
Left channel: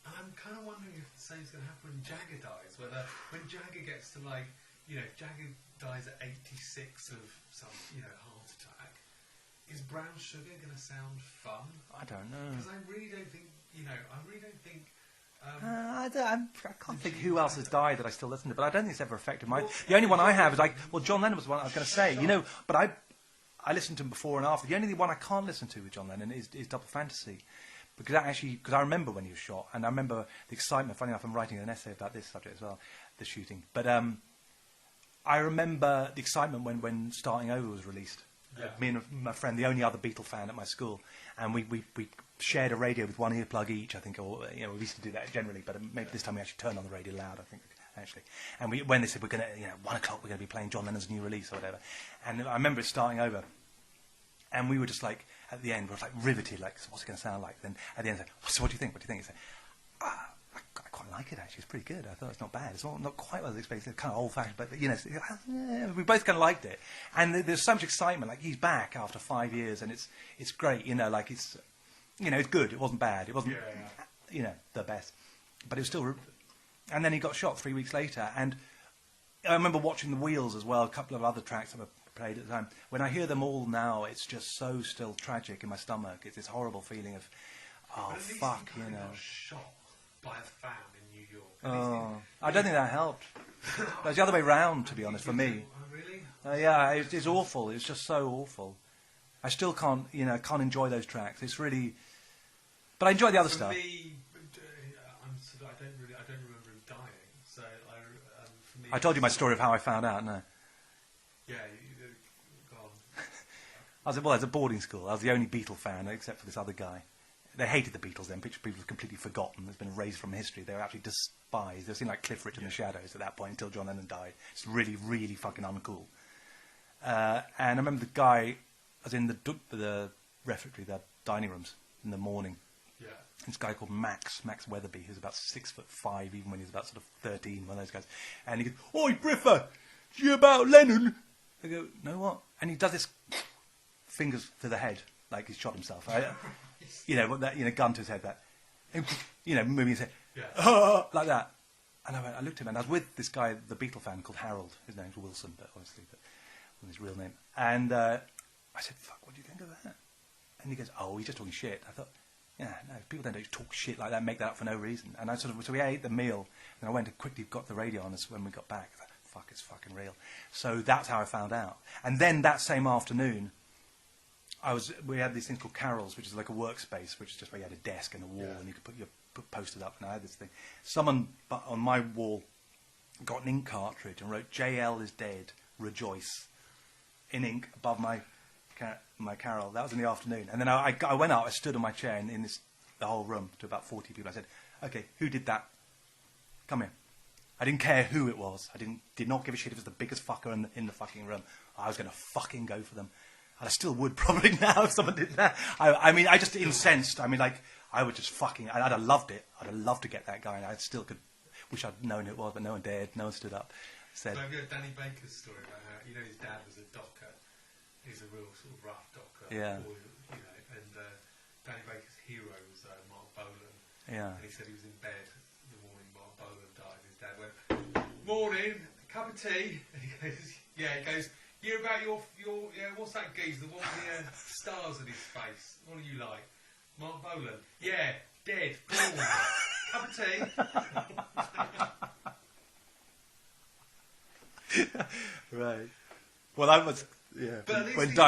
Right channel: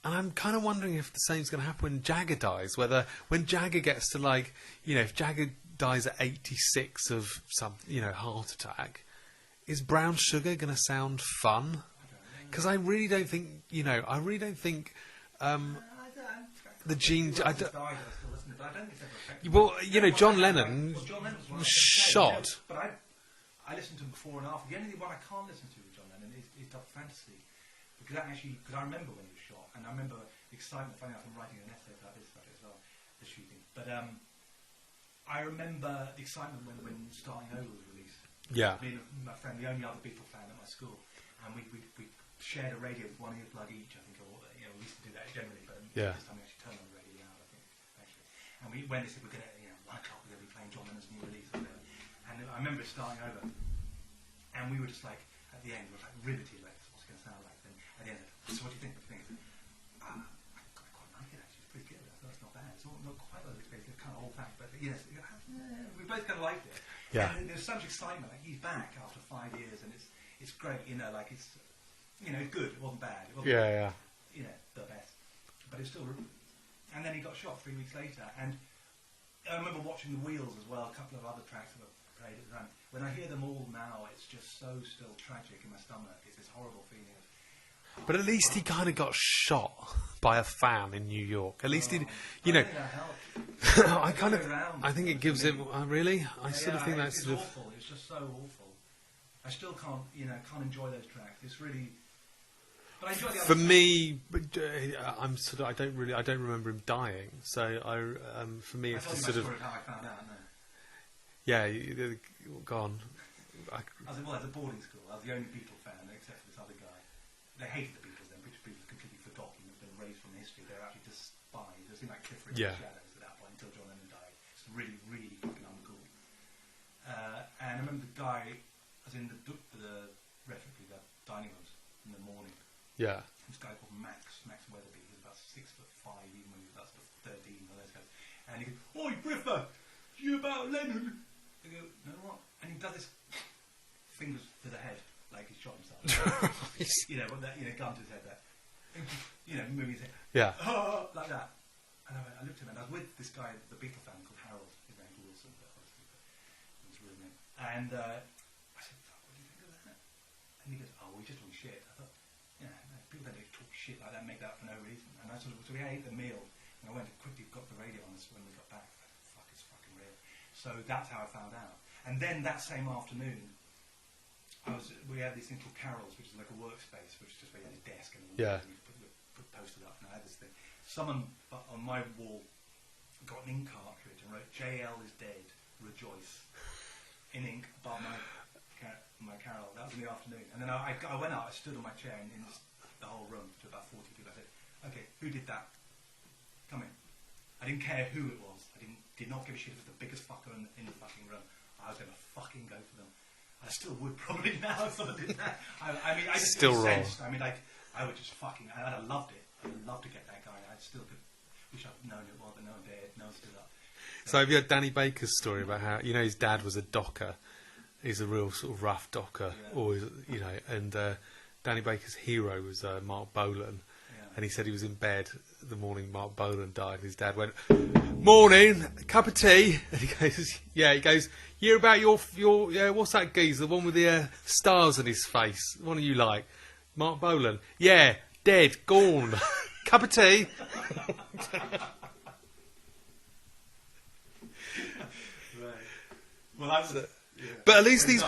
And I'm kind of wondering if the same's going to happen when Jagger dies. Whether when Jagger gets to if Jagger dies at 86 of some, heart attack, is Brown Sugar going to sound fun? I don't know. Because I really don't think, the genes. Who else has died that I still listen to? But I don't think it's ever affected well, my... John Lennon. John Lennon was the one I was going to say. But I listened to him before and after. The only one I can't listen to with John Lennon is Double Fantasy. Because I remember when he was shot, and I remember the excitement. Funny enough, I'm writing an essay about this subject as well, the shooting. But I remember the excitement when Starting Over was released. Yeah. Me and my friend, the only other Beatle fan at my school, and we shared a radio with one earplug each, I think, or we used to do that generally, but this time we actually turned on the radio loud, I think, actually. And when they said we're going to, 1 o'clock we're going to be playing John Lennon's new release or whatever, and I remember it Starting Over, and we were just like at the end, we were like riveted, like what's it going to sound like? Then at the end, like, so what do you think? What do you think? He said, I quite like it actually. It's pretty good. I thought it's not bad. It's not quite what I was expecting. It's kind of old-fashioned, but we both kind of liked it. Yeah. And there's so much excitement. Like he's back after 5 years, and it's great. Like it's it's good. It wasn't bad. It wasn't the best, but it was still. And then he got shot 3 weeks later, and I remember watching The Wheels as well. A couple of other tracks that were played at the time. When I hear them all now, it's just so still tragic in my stomach. It's this horrible feeling of. But at least he kind of got shot by a fan in New York. At least he. I don't think that helped. It's the other way round. I think it gives it. Really? It's awful. It's just so awful. I still can't enjoy those tracks. It's really. But I enjoy the other stuff. For me, I don't remember him dying. So for me, I told you my story of how I found out. No. Yeah, gone. I was at a boarding school. I was the only Beatle fan except for this other guy. They hated the Beatles then. People were completely forgotten. It's been erased from history. They were actually despised. They seemed like Cliff Richard in the Shadows at that point until John Lennon died. It's really, really fucking uncool. And I remember the guy. I was in the refectory, the dining rooms in the morning, Yeah. This guy called Max Weatherby, who's about 6'5", even when he was about sort of 13, one of those guys. And he goes, "Oi, Briffer, do you about Lennon?" I go, "No, what?" And he does this fingers to the head, like he's shot himself, right? Gun to his head, that, and, moving his head, like that. And I looked at him, and I was with this guy, the Beatle fan called Harold. His name's Wilson, but obviously, his real name. And I said, "Fuck, what do you think of that?" And he goes, "Oh, he's just talking shit." I thought, yeah, no, people don't talk shit like that, make that up for no reason. And so we ate the meal, and I went and quickly got the radio on us when we got back. I thought, fuck, it's fucking real. So that's how I found out. And then that same afternoon, we had these things called Carols, which is like a workspace, which is just where you had a desk and a wall, and you could put posters up. And I had this thing. Someone on my wall got an ink cartridge and wrote, "JL is dead, rejoice," in ink above my Carol. That was in the afternoon. And then I went out, I stood on my chair in the whole room to about 40 people. I said, "Okay, who did that? Come here." I didn't care who it was. I did not give a shit if it was the biggest fucker in the fucking room. I was going to fucking go for them. And I still would probably now if someone did that. I mean, I just incensed. I mean, like, I would just fucking... I'd have loved it. I'd have loved to get that guy. And I still could... Wish I'd known it was, but no one dared. No one stood up. So have you heard Danny Baker's story about how, his dad was a docker? He's a real sort of rough docker. Yeah. Always, and Danny Baker's hero was Mark Bolan. Yeah. And he said he was in bed the morning Mark Bolan died. And his dad went, "Morning, a cup of tea." And he goes, "You about your what's that geezer, the one with the stars on his face? What do you like?" "Mark Bolan." "Yeah, dead, gone." "Cup of tea." Right. Well, that was... Yeah. But at least these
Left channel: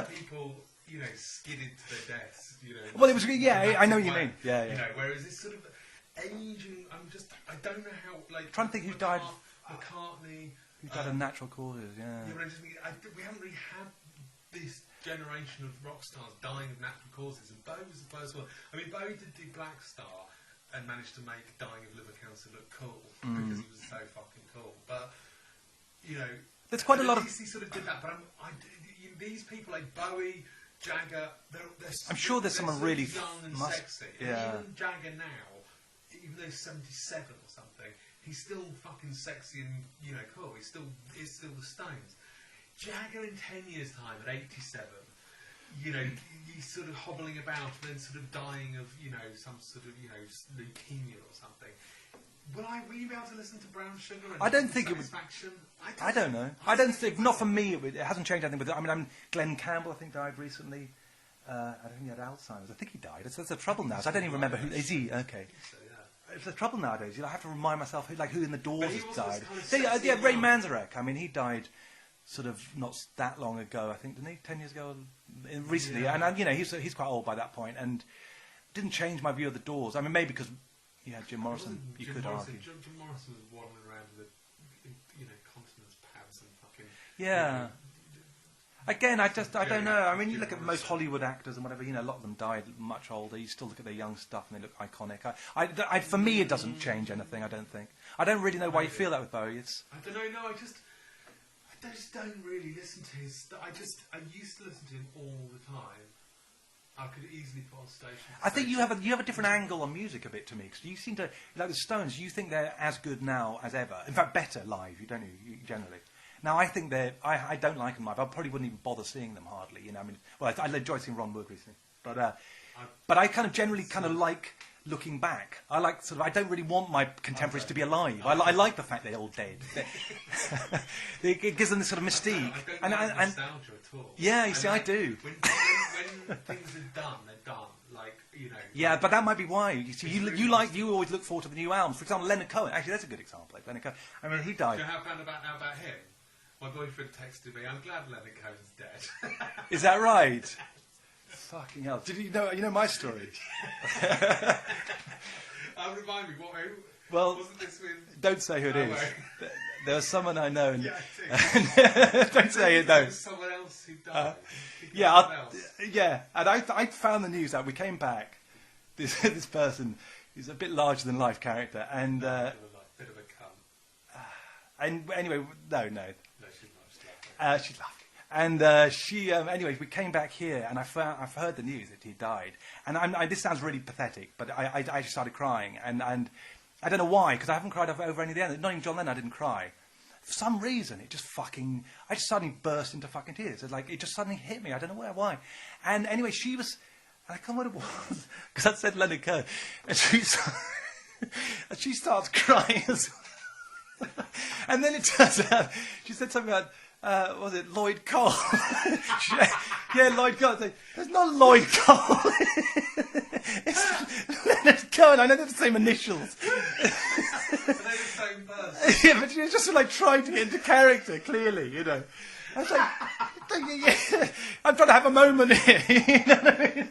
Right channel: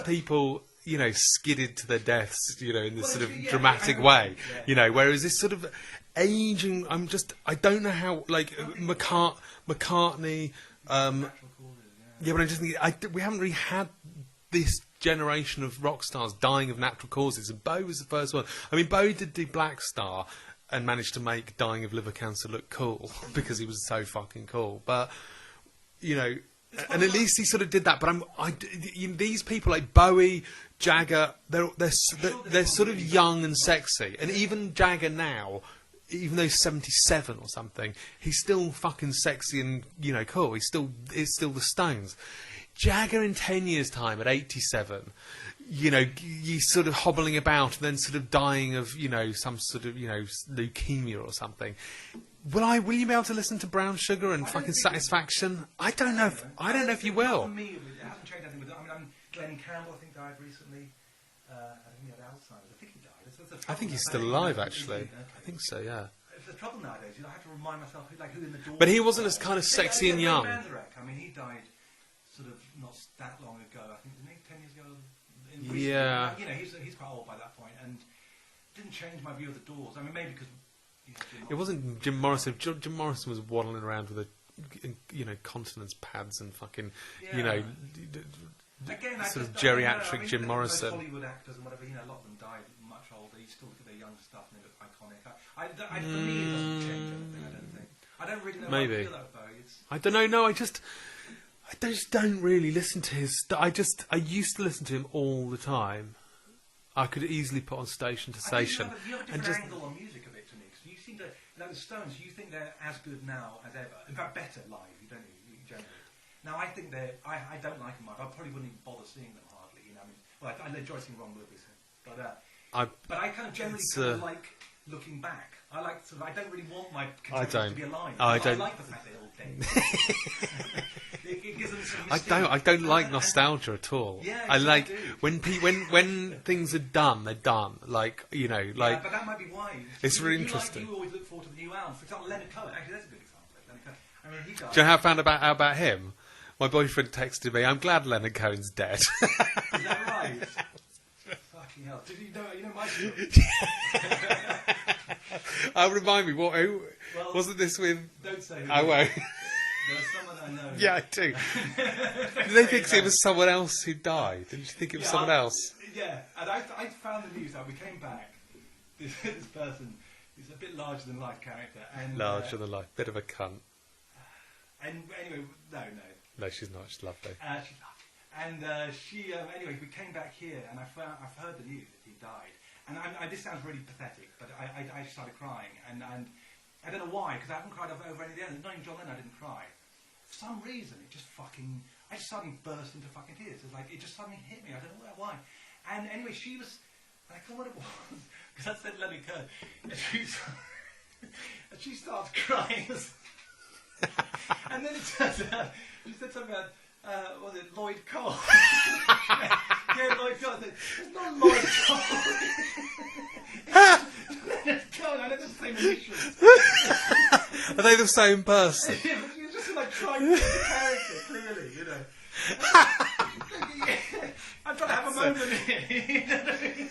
people, skidded to their deaths, in this dramatic way. Yeah. Whereas this sort of aging, I don't know how, like, McCartney... natural causes, yeah. Yeah, but I'm just thinking, we haven't really had this generation of rock stars dying of natural causes, and Bowie was the first one. I mean, Bowie did do Black Star and managed to make dying of liver cancer look cool because he was so fucking cool. But, and at least he sort of did that. But these people like Bowie, Jagger, they're sort of young and sexy. And even Jagger now, even though he's 77 or something, he's still fucking sexy and, cool. It's still the Stones. Jagger in 10 years' time at 87, you sort of hobbling about and then sort of dying of, some sort of, leukemia or something. Will you be able to listen to Brown Sugar and fucking Satisfaction? I don't know. I don't know if you will. Not for me. It hasn't changed anything. But Glenn Campbell, I think, died recently. I think he had Alzheimer's. I think he died. It's the trouble now. He's still alive, actually. Is he? Okay. I think so, yeah. It's the trouble nowadays. I have to remind myself who in the Doors. But he wasn't died. as kind of sexy and young. Ray Manzarek. I mean, he died sort of not that long ago. I think, didn't he? 10 years ago, recently. Yeah. And he's quite old by that point, and didn't change my view of the Doors. I mean, maybe because Jim Morrison. It wasn't Jim Morrison. Jim Morrison was waddling around with continence pads and fucking Again, I don't know. I mean, Jim look at Morrison. most Hollywood actors and whatever, a lot of them died much older. You still look at their young stuff and they look iconic. For me, it doesn't change anything, I don't think. I don't really know why you feel that with Bowie. I don't know, no, I just don't really listen to his stuff. I used to listen to him all the time. I could easily put on station to station. I think you have a different angle on music a bit to me, because you seem to, like the Stones, you think they're as good now as ever. In fact, better live, generally. Now, I think I don't like them live. I probably wouldn't even bother seeing them hardly. I enjoy seeing Ron Wood recently, but I kind of generally like looking back. I like I don't really want my contemporaries to be alive. I like the fact they're all dead. It gives them this sort of mystique. I don't like nostalgia at all. Yeah, I do. When things are done, they're done. Yeah, but that might be why. You always look forward to the new albums. For example, Leonard Cohen. Actually, that's a good example. Leonard Cohen. I mean, he died. Do you know how I found out about him? My boyfriend texted me, "I'm glad Leonard Cohen's dead." Is that right? Fucking hell! Did you know my story? Remind me who? Well, wasn't this with? Don't say who. I won't. There was someone I know. Yeah, I do. Don't say it. It was someone else who died. Did you think it was someone else? Yeah, and I found the news out. We came back. This person, he's a bit larger than life character, and larger than life, bit of a cunt. And anyway, no, she's not. She's lovely. She's lovely. And she, anyway, we came back here, and I've heard the news that he died. And this sounds really pathetic, but I just started crying, and I don't know why, because I haven't cried over any of the others. Not even John Lennon, I didn't cry. For some reason, I just suddenly burst into fucking tears. It just suddenly hit me. I don't know why. And anyway, she was, I can't remember what it was, because I said Leonard Cohen, and she starts crying as well. And then it turns out, she said something about, was it Lloyd Cole? Yeah, Lloyd Cole. It's not Lloyd Cole. It's Leonard Cohen. I know they're the same initials. Are they the same person? Yeah, but she was just trying to get into character, clearly, you know. I'm trying to have a moment here. You know what I mean?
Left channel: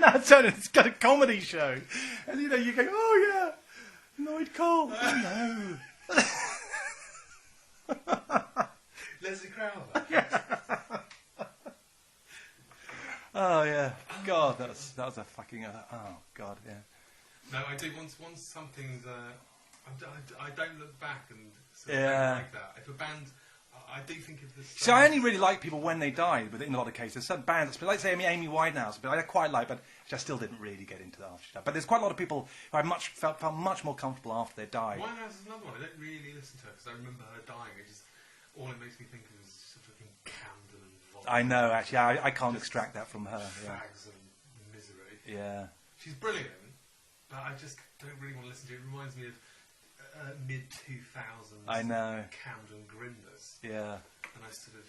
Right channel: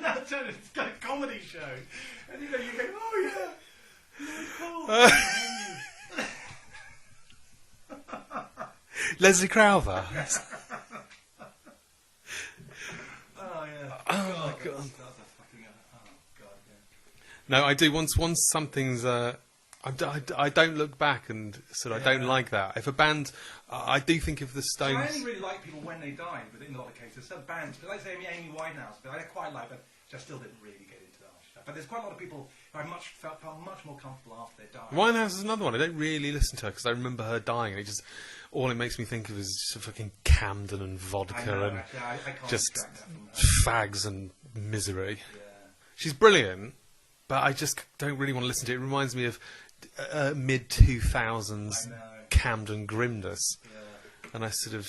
Now it's got a comedy show. And you go, oh yeah, Lloyd Cole. Leslie Crowther. Yes. Oh yeah. Oh, God, that was a fucking. Oh God, yeah. No, I do. Once something's. I don't look back and sort of don't like that. If a band, I do think of the Stones. So I only really like people when they die. But in a lot of cases, some bands, like say Amy Winehouse, but I quite like, but I still didn't really get into that after she died. But there's quite a lot of people who I felt much more comfortable after they died. Winehouse is another one. I don't really listen to her because I remember her dying, and it just. All it makes me think of is just fucking Camden and vodka. I know, actually. I can't extract that from her. Fags and misery. Yeah. She's brilliant, but I just don't really want to listen to it. It reminds me of mid-2000s Camden grimness. Yeah. And I sort of,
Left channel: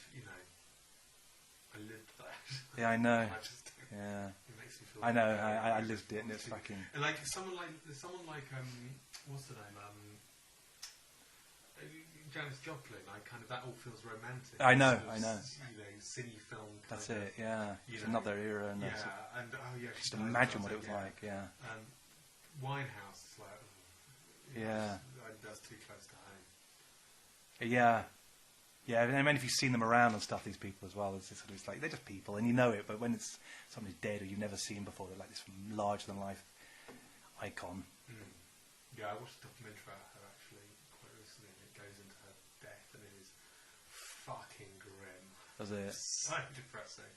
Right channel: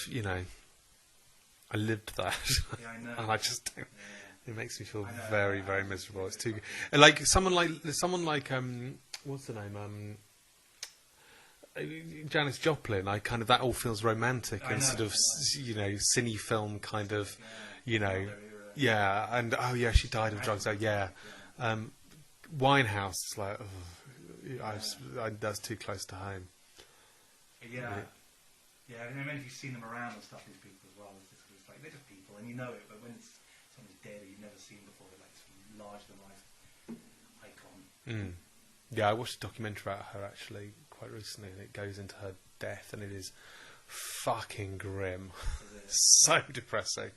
I lived that. Yeah, I know. And I just don't. Yeah. It makes me feel very, very miserable. It's too fucking... like someone like what's the name? Janis Joplin, that all feels romantic. I know, sort of, cine film kind of, Not their era. And she died of drugs. Winehouse is like, that's too close to home. Yeah. Yeah, I mean, if you've seen them around and stuff, these people as well, it's like they're just people, and you know it. But when it's somebody's dead or you've never seen before, they're like this larger than life icon. Mm. Yeah, I watched a documentary about her actually quite recently, and it goes into her death, and it is fucking grim. Was it? So depressing.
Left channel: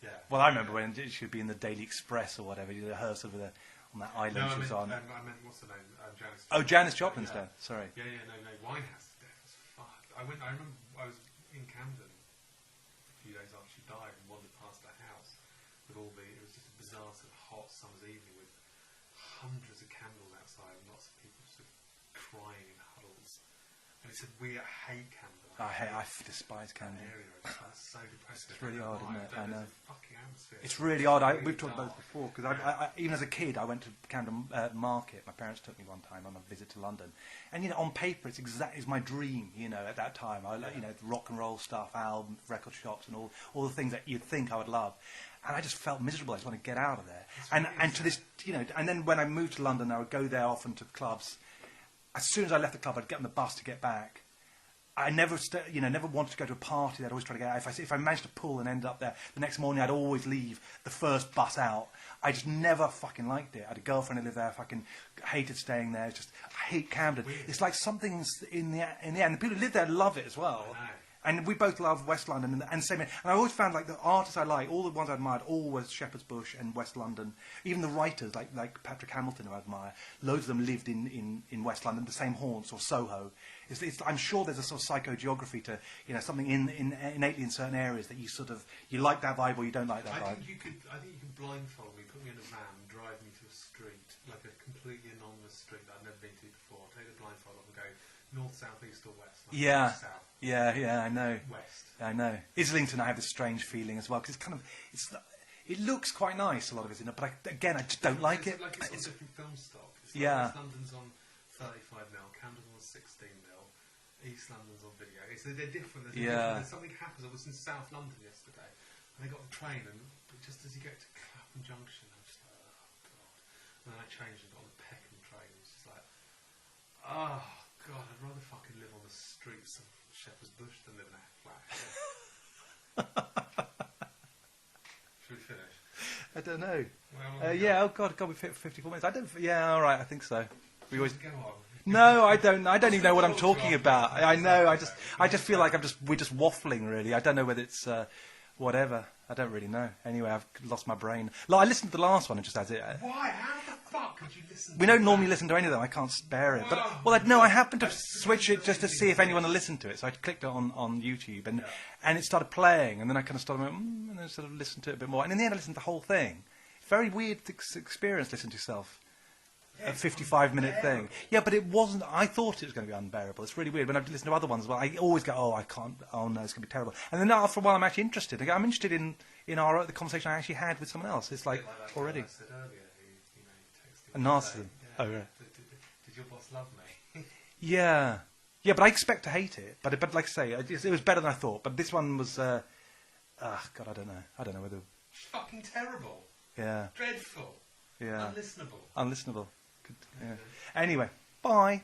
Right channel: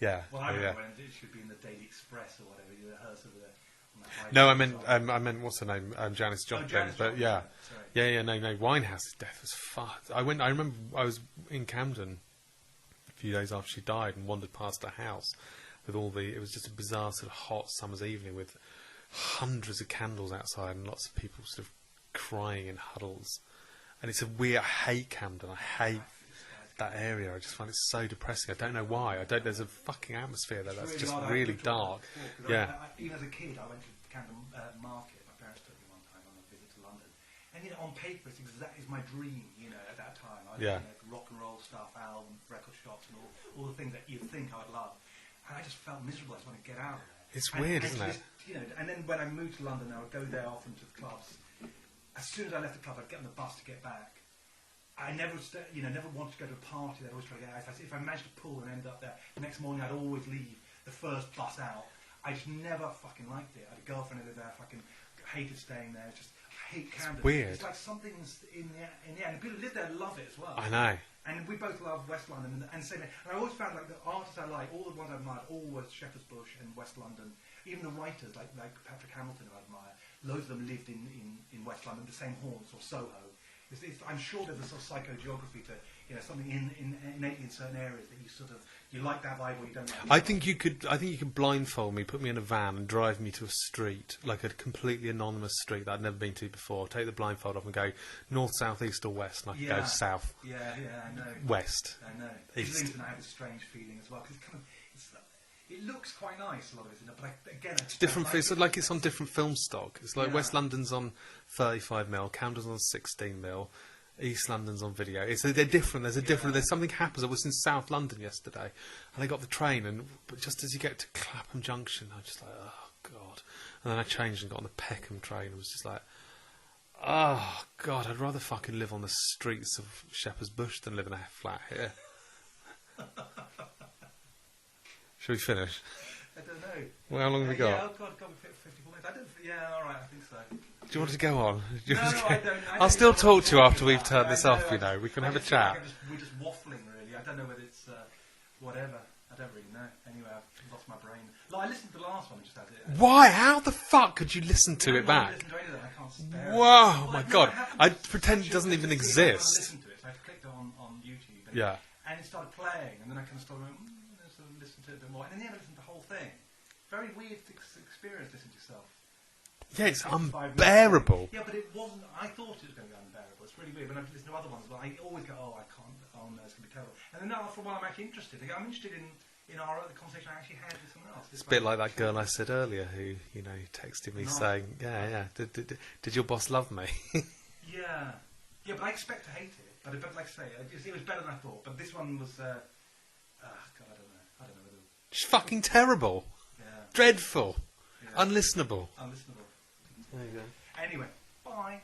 Yeah. Well, I remember when it should be in the Daily Express or whatever. You did her sort of on that island. No, I meant what's her name? Janis Joplin. Oh, Janis Joplin. Yeah. Sorry. Yeah. No. Winehouse's death was fucked. I remember I was in Camden a few days after she died and wandered past her house with it was just a bizarre sort of hot summer's evening with hundreds of candles outside and lots of people sort of crying in huddles. And it's a weird. I hate Camden. I despise that area. I just find it so depressing. I don't know why. There's a fucking atmosphere there. It's really odd. Really dark. I, even as a kid, I went to Camden Market. My parents took me one time on a visit to London. And on paper, it's my dream. At that time, rock and roll stuff, albums, record shops, and all the things that you'd think I would love. And I just felt miserable. I just want to get out of there. It's weird, isn't it? And then when I moved to London, I would go there often to the clubs. As soon as I left the club, I'd get on the bus to get back. I never wanted to go to a party. I'd always try to get out. If I managed to pull and end up there, the next morning I'd always leave the first bus out. I just never fucking liked it. I had a girlfriend who lived there. I fucking hated staying there. I hate Camden. It's weird. It's like something's in the air. And the people who live there love it as well. I know. And we both love West London and same. And I always found the artists I like, all the ones I admired, always Shepherd's Bush and West London. Even the writers like Patrick Hamilton, who I admire, loads of them lived in West London, the same haunts or Soho. I'm sure there's a sort of psychogeography to something innately in certain areas that you like that vibe or you don't like that. I think you could blindfold me, put me in a van, and drive me to a street, like a completely anonymous street that I'd never been to before. Take the blindfold off and go north, south, east, or west. And I go south. Yeah, I know. West. I know. Islington, I have this strange feeling as well because it looks quite nice, a lot of it, but again, I just don't like it. It's like it's on different film stock. It's like West London's on 35mm, Camden's on 16mm, East London's on video. They're different. There's something happens. I was in South London yesterday, and I got the train, but just as you get to Clapham Junction, I was just like, oh God. And then I changed and got on the Peckham train and was just like, oh God, I'd rather fucking live on the streets of Shepherd's Bush than live in a flat here. Shall we finish? I don't know. Well, how long have we got? Yeah, oh God, we fit 54 minutes. I don't. Yeah, all right, I think so. Do you want to go on? No, I don't. I don't even know what I'm talking about. I'll still talk to you after we've turned this off. I just feel like we're just waffling, really. I don't know whether it's whatever. I don't really know. Anyway, I've lost my brain. Like, I listened to the last one and just as it. Why? How the fuck could you listen to it? We don't normally listen to any of them. I can't spare it. Whoa, Well, no, I happened to pretend it doesn't just to even see if exist. anyone to listen to it. So I clicked it on YouTube, and it started playing, and then I kind of started, and then sort of listened to it a bit more. And in the end, I listened to the whole thing. Very weird experience listening to yourself. Yeah, it's 55 unbearable. minutes. Yeah, but it wasn't. I thought it was going to be unbearable. It's really weird. When I've listened to other ones, well, I always go, "Oh, I can't. Oh no, it's going to be terrible." And then after a while, I'm actually interested. I'm interested in the conversation I actually had with someone else. It's a bit like that girl I said earlier who texted me saying, "Did your boss love me?" Yeah, but I expect to hate it. But like I say, it was better than I thought. But this one was. God, I don't know. I don't know whether. It's fucking terrible. Yeah. Dreadful. Yeah. Unlistenable. Unlistenable. Yeah. Anyway, bye.